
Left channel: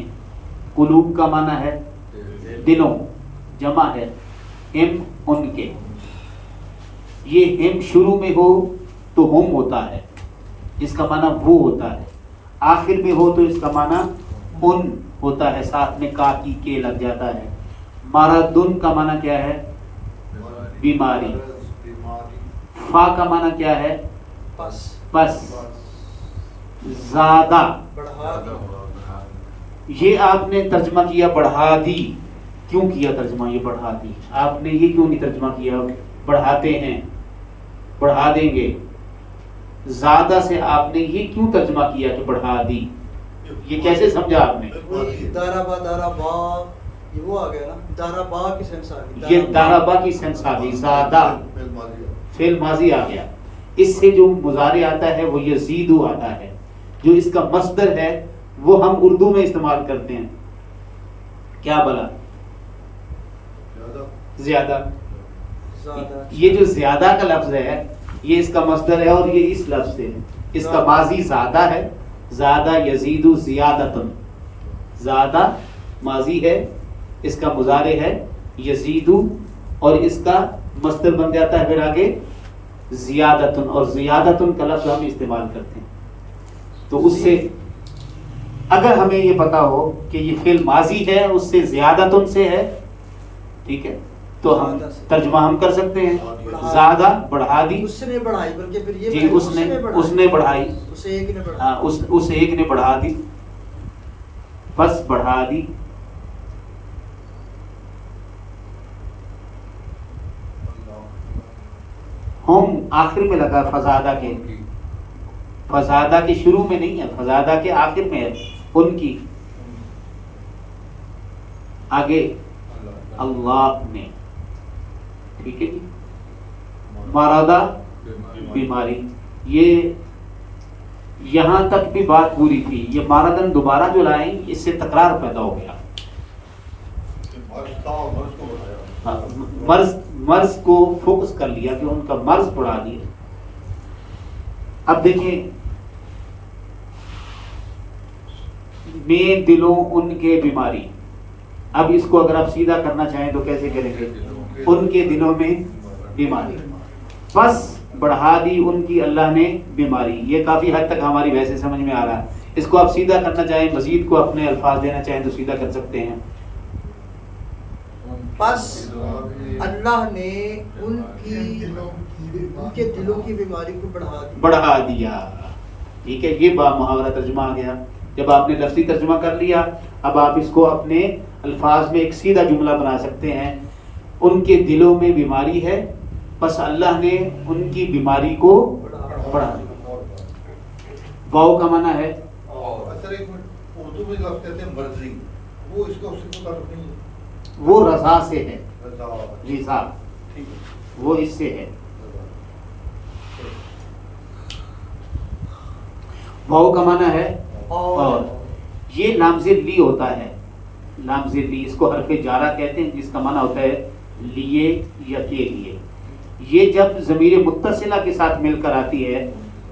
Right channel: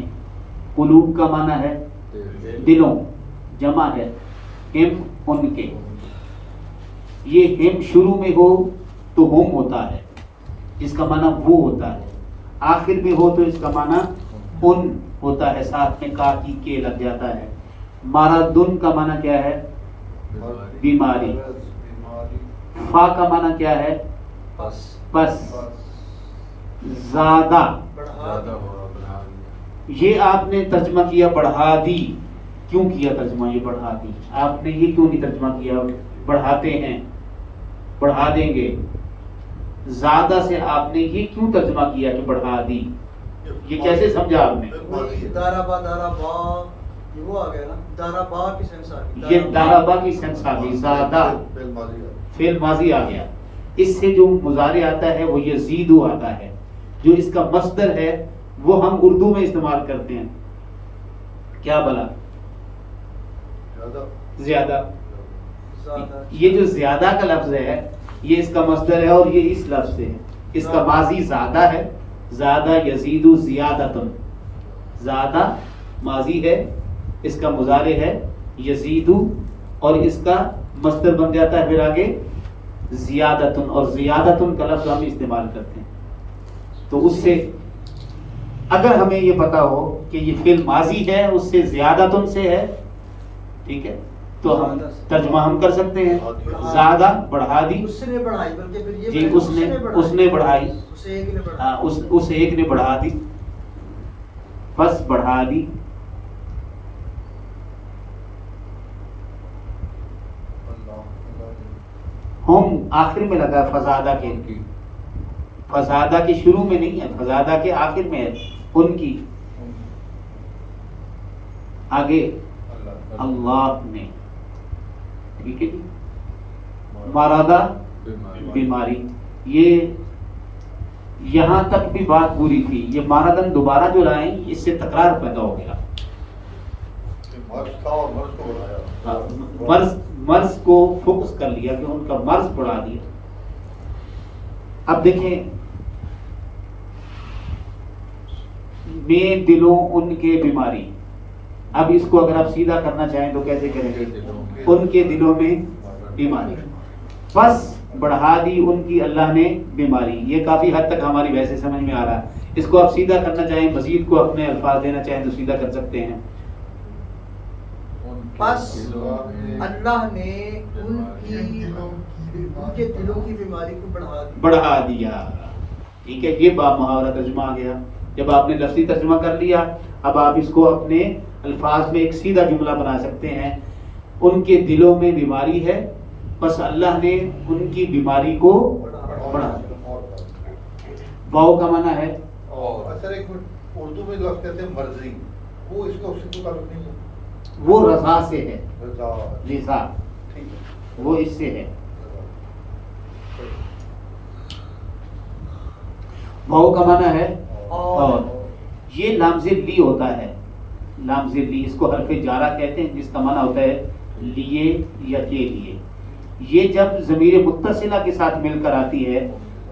قلوب کا معنی ہے دلوں، جمع ہے ہم ان کے. یہ ہم شروع میں ہو تو ہم ہوتا ہے، اس کا معنی وہ ہوتا ہے. آخر میں ہو تو اس کا معنی ان ہوتا ہے، ساتھ میں کا کی کے لگ جاتا ہے. مرضن کا معنی کیا ہے؟ بیماری. فا کا معنی کیا ہے؟ بس. زیادہ. یہ آپ نے ترجمہ کیا بڑھا دی. کیوں کیا ترجمہ یہ بڑھا دی؟ آپ نے یہ کیوں نہیں ترجمہ کیا بڑھاتے ہیں، بڑھا دیں گے؟ زیادہ سے آپ نے یہ کیوں ترجمہ کیا کہ بڑھا دی؟ یہ کیسے سمجھا آپ نے؟ دارابا، دارابا، یہ وہ آ گیا نا، دارابا کی سینس آ گئی. یہ دارابا کی سینس آ گئی. زیادہ فعل ماضی آ گیا. اس سے جو مضارع آتا ہے وہ یزیدو آتا ہے. جو اس کا مصدر ہے وہ ہم اردو میں استعمال کرتے ہیں. کیا بلا؟ زیادہ. یہ جو زیادہ کا لفظ ہے یہ اس کا مصدر ہے اور یہ اس لفظ سے ہے. اس کا ماضی زیادہ ہے. زیادہ یزیدو زیادتن. زیادہ ماضی ہے، اس کا مضارع ہے یزیدو اور اس کا مصدر بن جاتا ہے پھر آگے زیادتن. اور زیادتن کا لفظ ہم استعمال کرتے ہیں. تو اس سے اگر ہمیں یہ پتا ہو کہ یہ فعل ماضی ہے اس سے زیادتن سے ہے، ٹھیک ہے، تو ہم ترجمہ ہم کر سکتے ہیں زیادہ بڑھا دی، اس نے بڑھائی، بلکہ پھر یہ جی اس نے بڑھائی، اسے ایک نے بڑھائی، اس ایک نے بڑھا دی، بس بڑھا دی. ہم آخر میں لگا فزادہ کے، فزادہ کے شروع میں نہیں ہے، فزادہ کے آخر میں ہے، ان کی. آگے اللہ نے، ٹھیک ہے جی. مرادہ بیماری، یہ یہاں تک بھی بات پوری تھی. یہ مارادن دوبارہ جو لائیں اس سے تکرار پیدا ہو گیا. مرض تھا اور مرض کو بڑھایا، مرض کو فوکس کر لیا کہ ان کا مرض بڑھا دیا. اب دیکھیں میں دلوں ان کے بیماری. اب اس کو اگر آپ سیدھا کرنا چاہیں تو کیسے کریں گے؟ ان کے دلوں میں بیماری، بس بڑھا دی ان کی اللہ نے بیماری. یہ کافی حد تک ہماری ویسے سمجھ میں آ رہا ہے. اس کو آپ سیدھا کرنا چاہیں، مزید کو اپنے الفاظ دینا چاہیں تو سیدھا کر سکتے ہیں. بس اللہ نے ان کے دلوں کی بیماری کو بڑھا دیا. ٹھیک ہے، یہ با محاورہ ترجمہ آ گیا. جب آپ نے لفظی ترجمہ کر لیا، اب آپ اس کو اپنے الفاظ میں ایک سیدھا جملہ بنا سکتے ہیں. ان کے دلوں میں بیماری ہے، بس اللہ نے ان کی بیماری کو بڑھا دیا. واؤ کا معنی ہے اصل ایک منٹ، اردو میں جو کہتے ہیں مرضی، وہ اس کو تعلق نہیں ہے، وہ رضا سے ہے. رضا. جی صاحب، ٹھیک ہے، وہ اس سے ہے. واؤ کا معنی ہے اور. یہ لامز لی ہوتا ہے، لامز لی، اس کو حرف جارہ کہتے ہیں، جس کا معنی ہوتا ہے لیے یا کے لیے. یہ جب ضمیر متصلہ کے ساتھ مل کر آتی ہے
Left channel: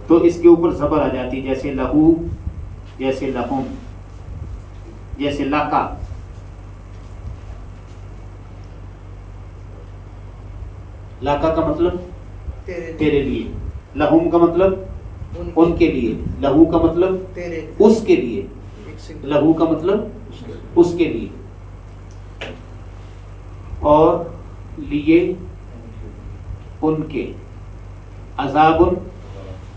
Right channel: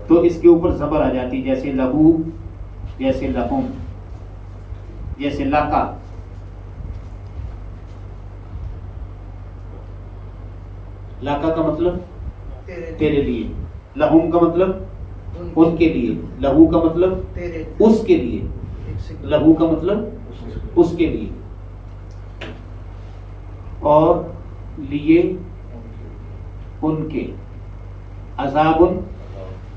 تو اس کے اوپر زبر آ جاتی ہے، جیسے لہو، جیسے لہم، جیسے لاکا. لاکا کا مطلب تیرے لیے، لہم کا مطلب ان کے لیے، لہو کا مطلب اس کے لیے، لہو کا مطلب اس کے لیے، اور لیے ان کے. عذاب،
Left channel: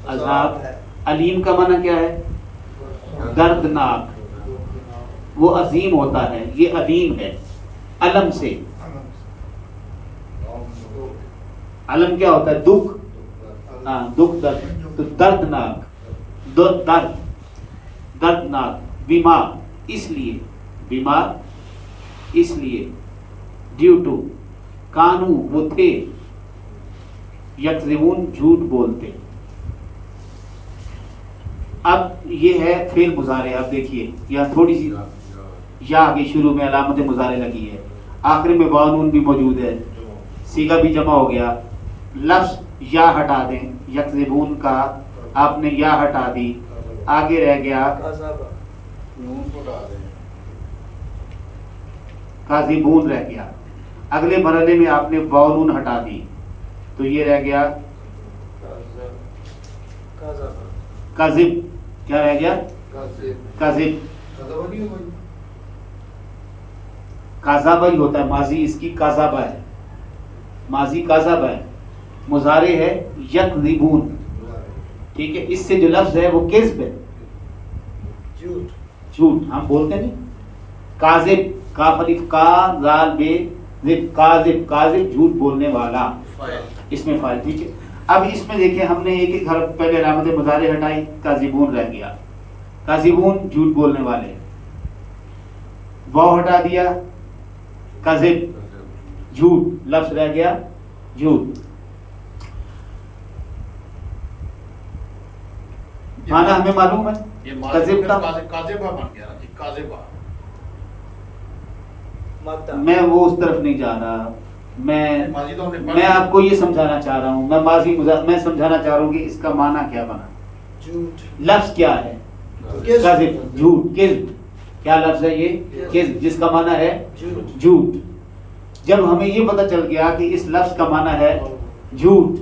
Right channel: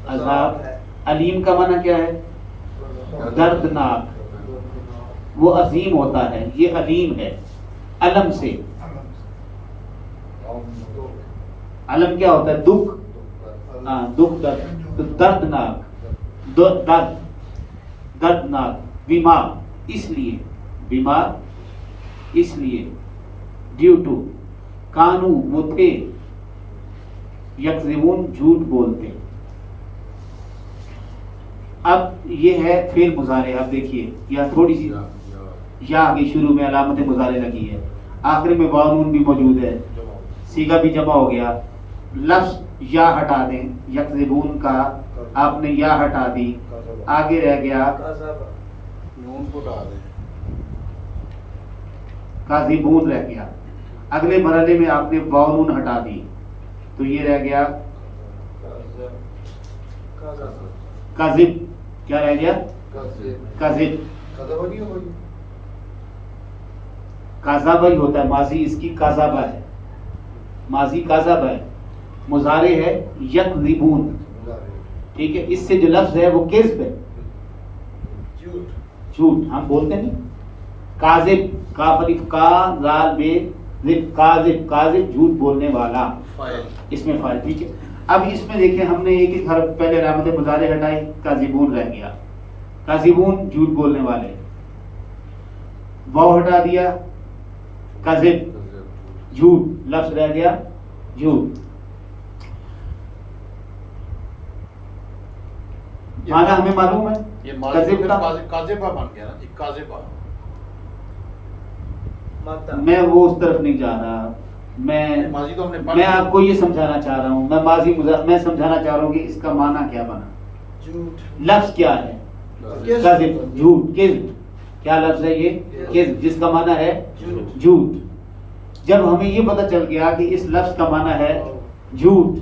عذاب. علیم کا معنی کیا ہے؟ دردناک. وہ عظیم ہوتا ہے، یہ علیم ہے. علم سے، علم کیا ہوتا ہے؟ دکھ. ہاں، دکھ، درد. تو دردناک، درد، دردناک. بیمار، اس لیے، بیمار اس لیے. ڈیو ٹو، کانو وہ تھے، یکذبون جھوٹ بولتے. اب یہ ہے فعل مضارع. اب دیکھیے یہاں تھوڑی سی یا آگے شروع میں علامت مضارع لگی ہے، آخر میں واو نون بھی موجود ہے، صیغہ بھی جمع ہو گیا. لفظ یا ہٹا دیں، یکذبون کا آپ نے یا ہٹا دی، آگے رہ گیا نون کو ڈال دیں، کاذبون رہ گیا. اگلے مرحلے میں آپ نے واو نون ہٹا دی تو یہ رہ گیا کاذب. کیا رہ گیا؟ کاذب. کاذابہ ہی ہوتا ہے ماضی، اس کی کاذابہ ہے، ماضی کاذابہ ہے. مضارع ہے یکذبون. ٹھیک ہے، اس سے جو لفظ ہے وہ کذب ہے، جھوٹ. ہم بولتے نہیں کاذب، کاف الف کا زال بے ذب، کاذب، کاذب جھوٹ بولنے والا، اس میں فاعل. ٹھیک ہے، اب اس میں دیکھیں ہم نے ایک ایک حرف پہلے علامت مضارع ہٹائی، کاذبون رہ گیا. کاذبون جھوٹ بولنے والے، واو ہٹا دیا، کاذب جھوٹ، لفظ رہ گیا جھوٹ. معنی ہمیں معلوم ہے، یہ کذب کا کاذبہ بن گیا نا جی، کاذبہ. میں وہ اس طرف نہیں جا رہا. میں آپ کو یہ سمجھانا چاہ رہا ہوں، میں ماضی میں سمجھانا چاہ رہا ہوں کہ اس کا معنی کیا بنا. جھوٹ، لفظ کیا ہے؟ کذب، جھوٹ، کذب. کیا لفظ ہے یہ؟ کذب، جس کا معنی ہے جھوٹ. جب ہمیں یہ پتہ چل گیا کہ اس لفظ کا معنی ہے جھوٹ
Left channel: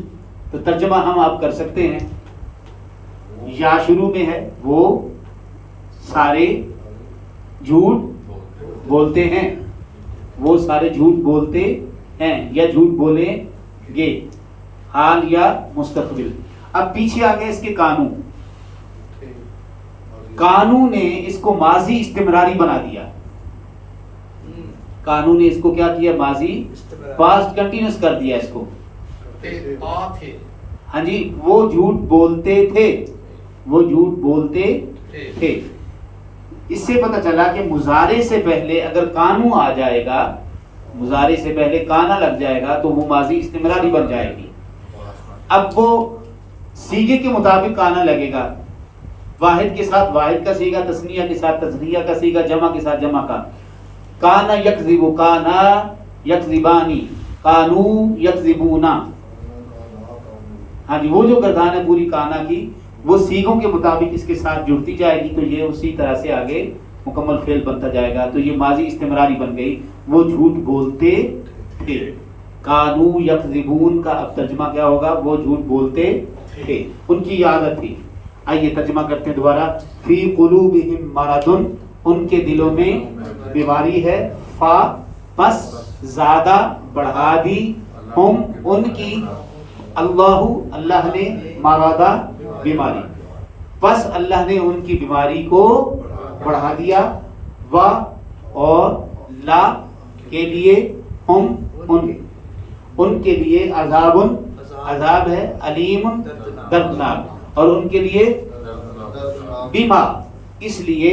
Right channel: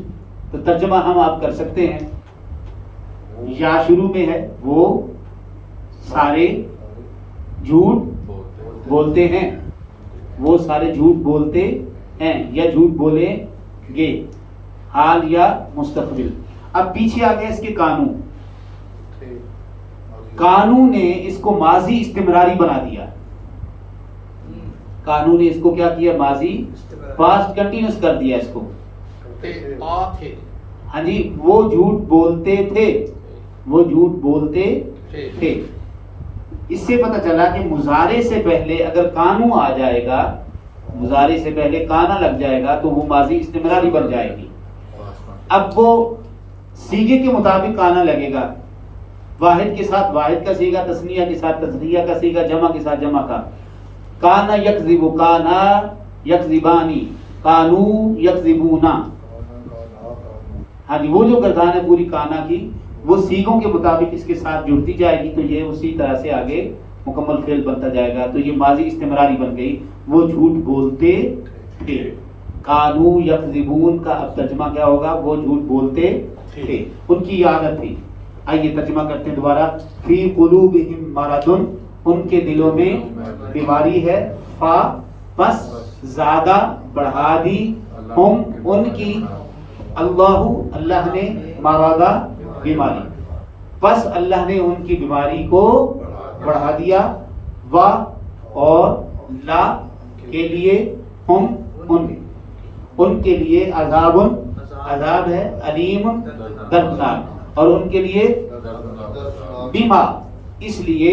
تو ترجمہ ہم آپ کر سکتے ہیں. یا شروع میں ہے وہ سارے جھوٹ بولتے ہیں، وہ سارے جھوٹ بولتے ہیں یا جھوٹ بولیں گے، حال یا مستقبل۔ اب پیچھے آ گیا اس کے قانون، قانون نے اس کو ماضی استمراری بنا دیا، قانون نے اس کو کیا کیا، ماضی پاسٹ کنٹینیوس کر دیا اس کو۔ ہاں جی، وہ جھوٹ بولتے تھے، وہ جھوٹ بولتے تھے۔ اس سے پتہ چلا کہ مضارع سے پہلے اگر قانون آ جائے گا، مضارع سے پہلے کانا لگ جائے گا تو وہ ماضی استمراری بن جائے گی۔ اب وہ سیغے کے مطابق کانا لگے گا، واحد کے ساتھ واحد کا سیغہ، تثنیہ کے ساتھ تثنیہ کا سیغہ، جمع کے ساتھ جمع کا۔ کانا یکذب، کانا یکذبانی، کانو یکذبونا۔ ہاں جی، وہ جو گردان ہے پوری کانا کی وہ سیغوں کے مطابق اس کے ساتھ جڑتی جائے گی تو یہ اسی طرح سے آگے مکمل فعل بنتا جائے گا، تو یہ ماضی استمراری بن گئی۔ وہ جھوٹ بولتے تھے، کانو یکذبون کا اب ترجمہ کیا ہوگا، وہ جھوٹ بولتے تھے، ان کی عادت تھی۔ آئیے ترجمہ کرتے ہیں دوبارہ۔ فی قلوبہم مرض، ان کے دلوں میں بیماری ہے، فا پس زیادہ بڑھا دی، ہم ان کی، اللہ نے مرادہ بیماری، پس اللہ نے ان کی بیماری کو بڑھا دیا، و اور لا کے لیے، ہم ان کے لیے عذاب، عذاب ہے، علیم دردناک، اور ان کے لیے بیما، اس لیے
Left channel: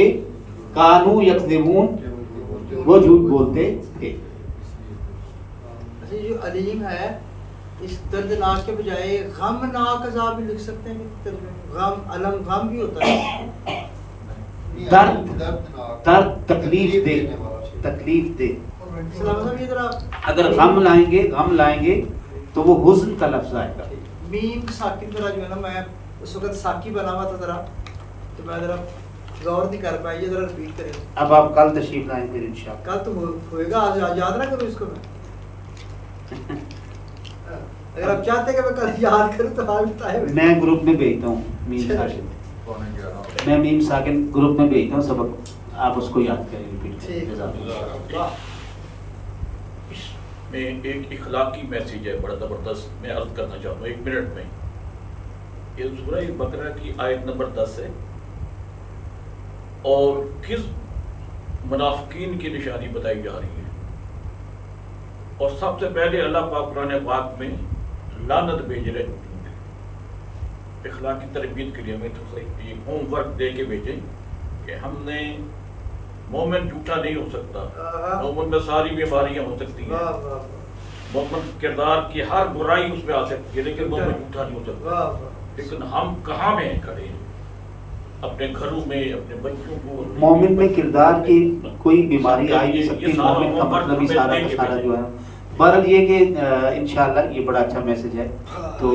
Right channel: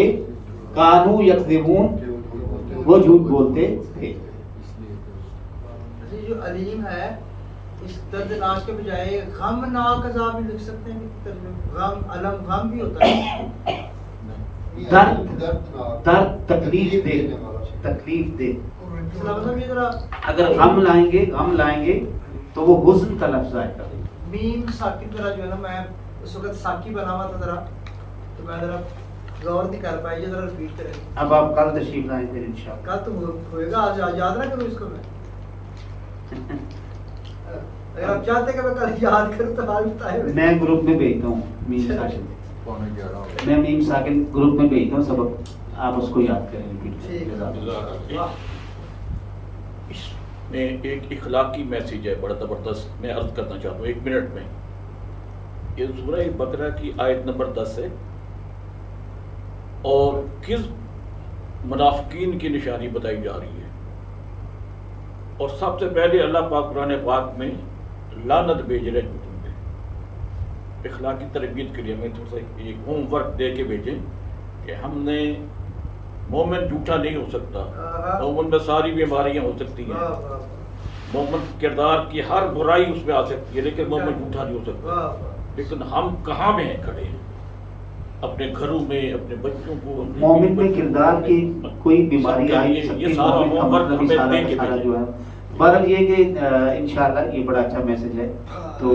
کانو یکذبون، وہ جھوٹ بولتے تھے۔ جو علیم ہے اس دردناک کے بجائے غمناک عذاب بھی لکھ سکتے ہیں ترجمے، غم، علم، غم بھی ہوتا ہے، درد تکلیف دے، تکلیف دے۔ اسلام صاحب یہ ذرا اگر غم لائیں گے تو وہ حزن کا لفظ آئے گا۔ میم ساکن ذرا جو ہے نا، میں اس وقت ساکی بنا ہوا تھا ذرا، تو میں ذرا غور نہیں کر پایا، یہ ذرا ریپیٹ کریں۔ اب آپ کل تشریف لائیں پھر انشاءاللہ۔ کل تو ہوئے گا، آج یاد نہ کروں اس کو میں، اگر آپ چاہتے ہیں کہ میں کل یاد کروں تو آج بتائے۔ میں گروپ میں بھیجتا ہوں میم ساکن، میں میم ساکن گروپ میں بھیجتا ہوں سبق، آپ اس کو یاد کریں۔ اس میں ایک اخلاقی میسیج ہے بڑا زبردست، میں عرض کرنا چاہتا ہوں 1 منٹ میں۔ یہ سورہ بقرہ کی آیت نمبر 10 ہے، اور کس منافقین کی نشانی بتائی جا رہی ہے، اور سب سے پہلے اللہ پاک قرآن پاک میں لعنت بھیج رہے ہیں۔ اخلاقی تربیت کے لیے ہمیں تو ایک ہوم ورک دے کے بھیجیں کہ ہم نے، مومن جھوٹا نہیں ہو سکتا، مومن میں ساری بیماریاں ہو سکتی ہیں، مومن کردار کی ہر برائی اس میں آ سکتی ہے، لیکن مومن جھوٹا نہیں ہو سکتا۔ لیکن ہم کہاں میں ہیں کھڑے، اپنے گھروں میں، اپنے بچوں کو، مومن میں کردار کی کوئی بیماری آ نہیں سکتی، مومن کا مطلب سارا جو ہے۔ بہرحال یہ کہ انشاءاللہ یہ بڑا اچھا میسج ہے، تو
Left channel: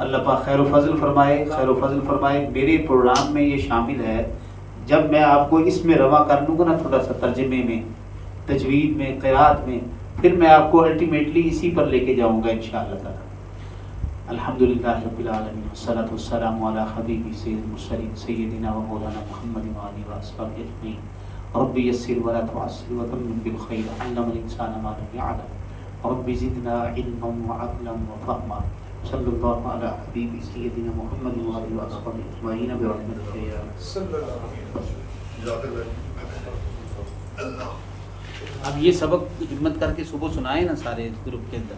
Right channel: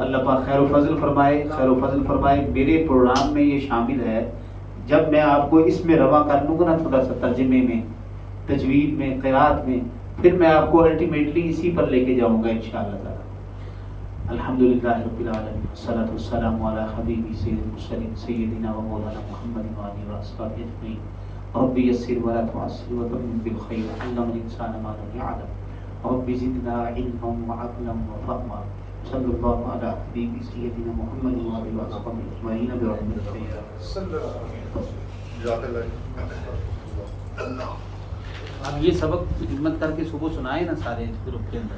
اللہ پاک خیر و فضل فرمائے، خیر و فضل فرمائے۔ میرے پروگرام میں یہ شامل ہے، جب میں آپ کو اس میں رواں کر دوں گا نا تھوڑا سا ترجمے میں، تجوید میں، قرات میں، پھر میں آپ کو الٹیمیٹلی اسی پر لے کے جاؤں گا انشاءاللہ تعالی۔ الحمدللہ رب العالمین، والصلاۃ والسلام علی حبیبی سید المرسلین سیدنا و مولانا محمد وآلہ وصحبہ اجمعین۔ رب یسر ولا تعسر وتمم بالخیر، علم الانسان ما لم یعلم، رب زدنا علما وعقلا وفہما، صلی اللہ علی حبیبی سیدنا محمد وآلہ وصحبہ اجمعین برحمتک یا اب یہ سبق ہمت کر کے صبح سنائے نا سارے گروپ کے اندر۔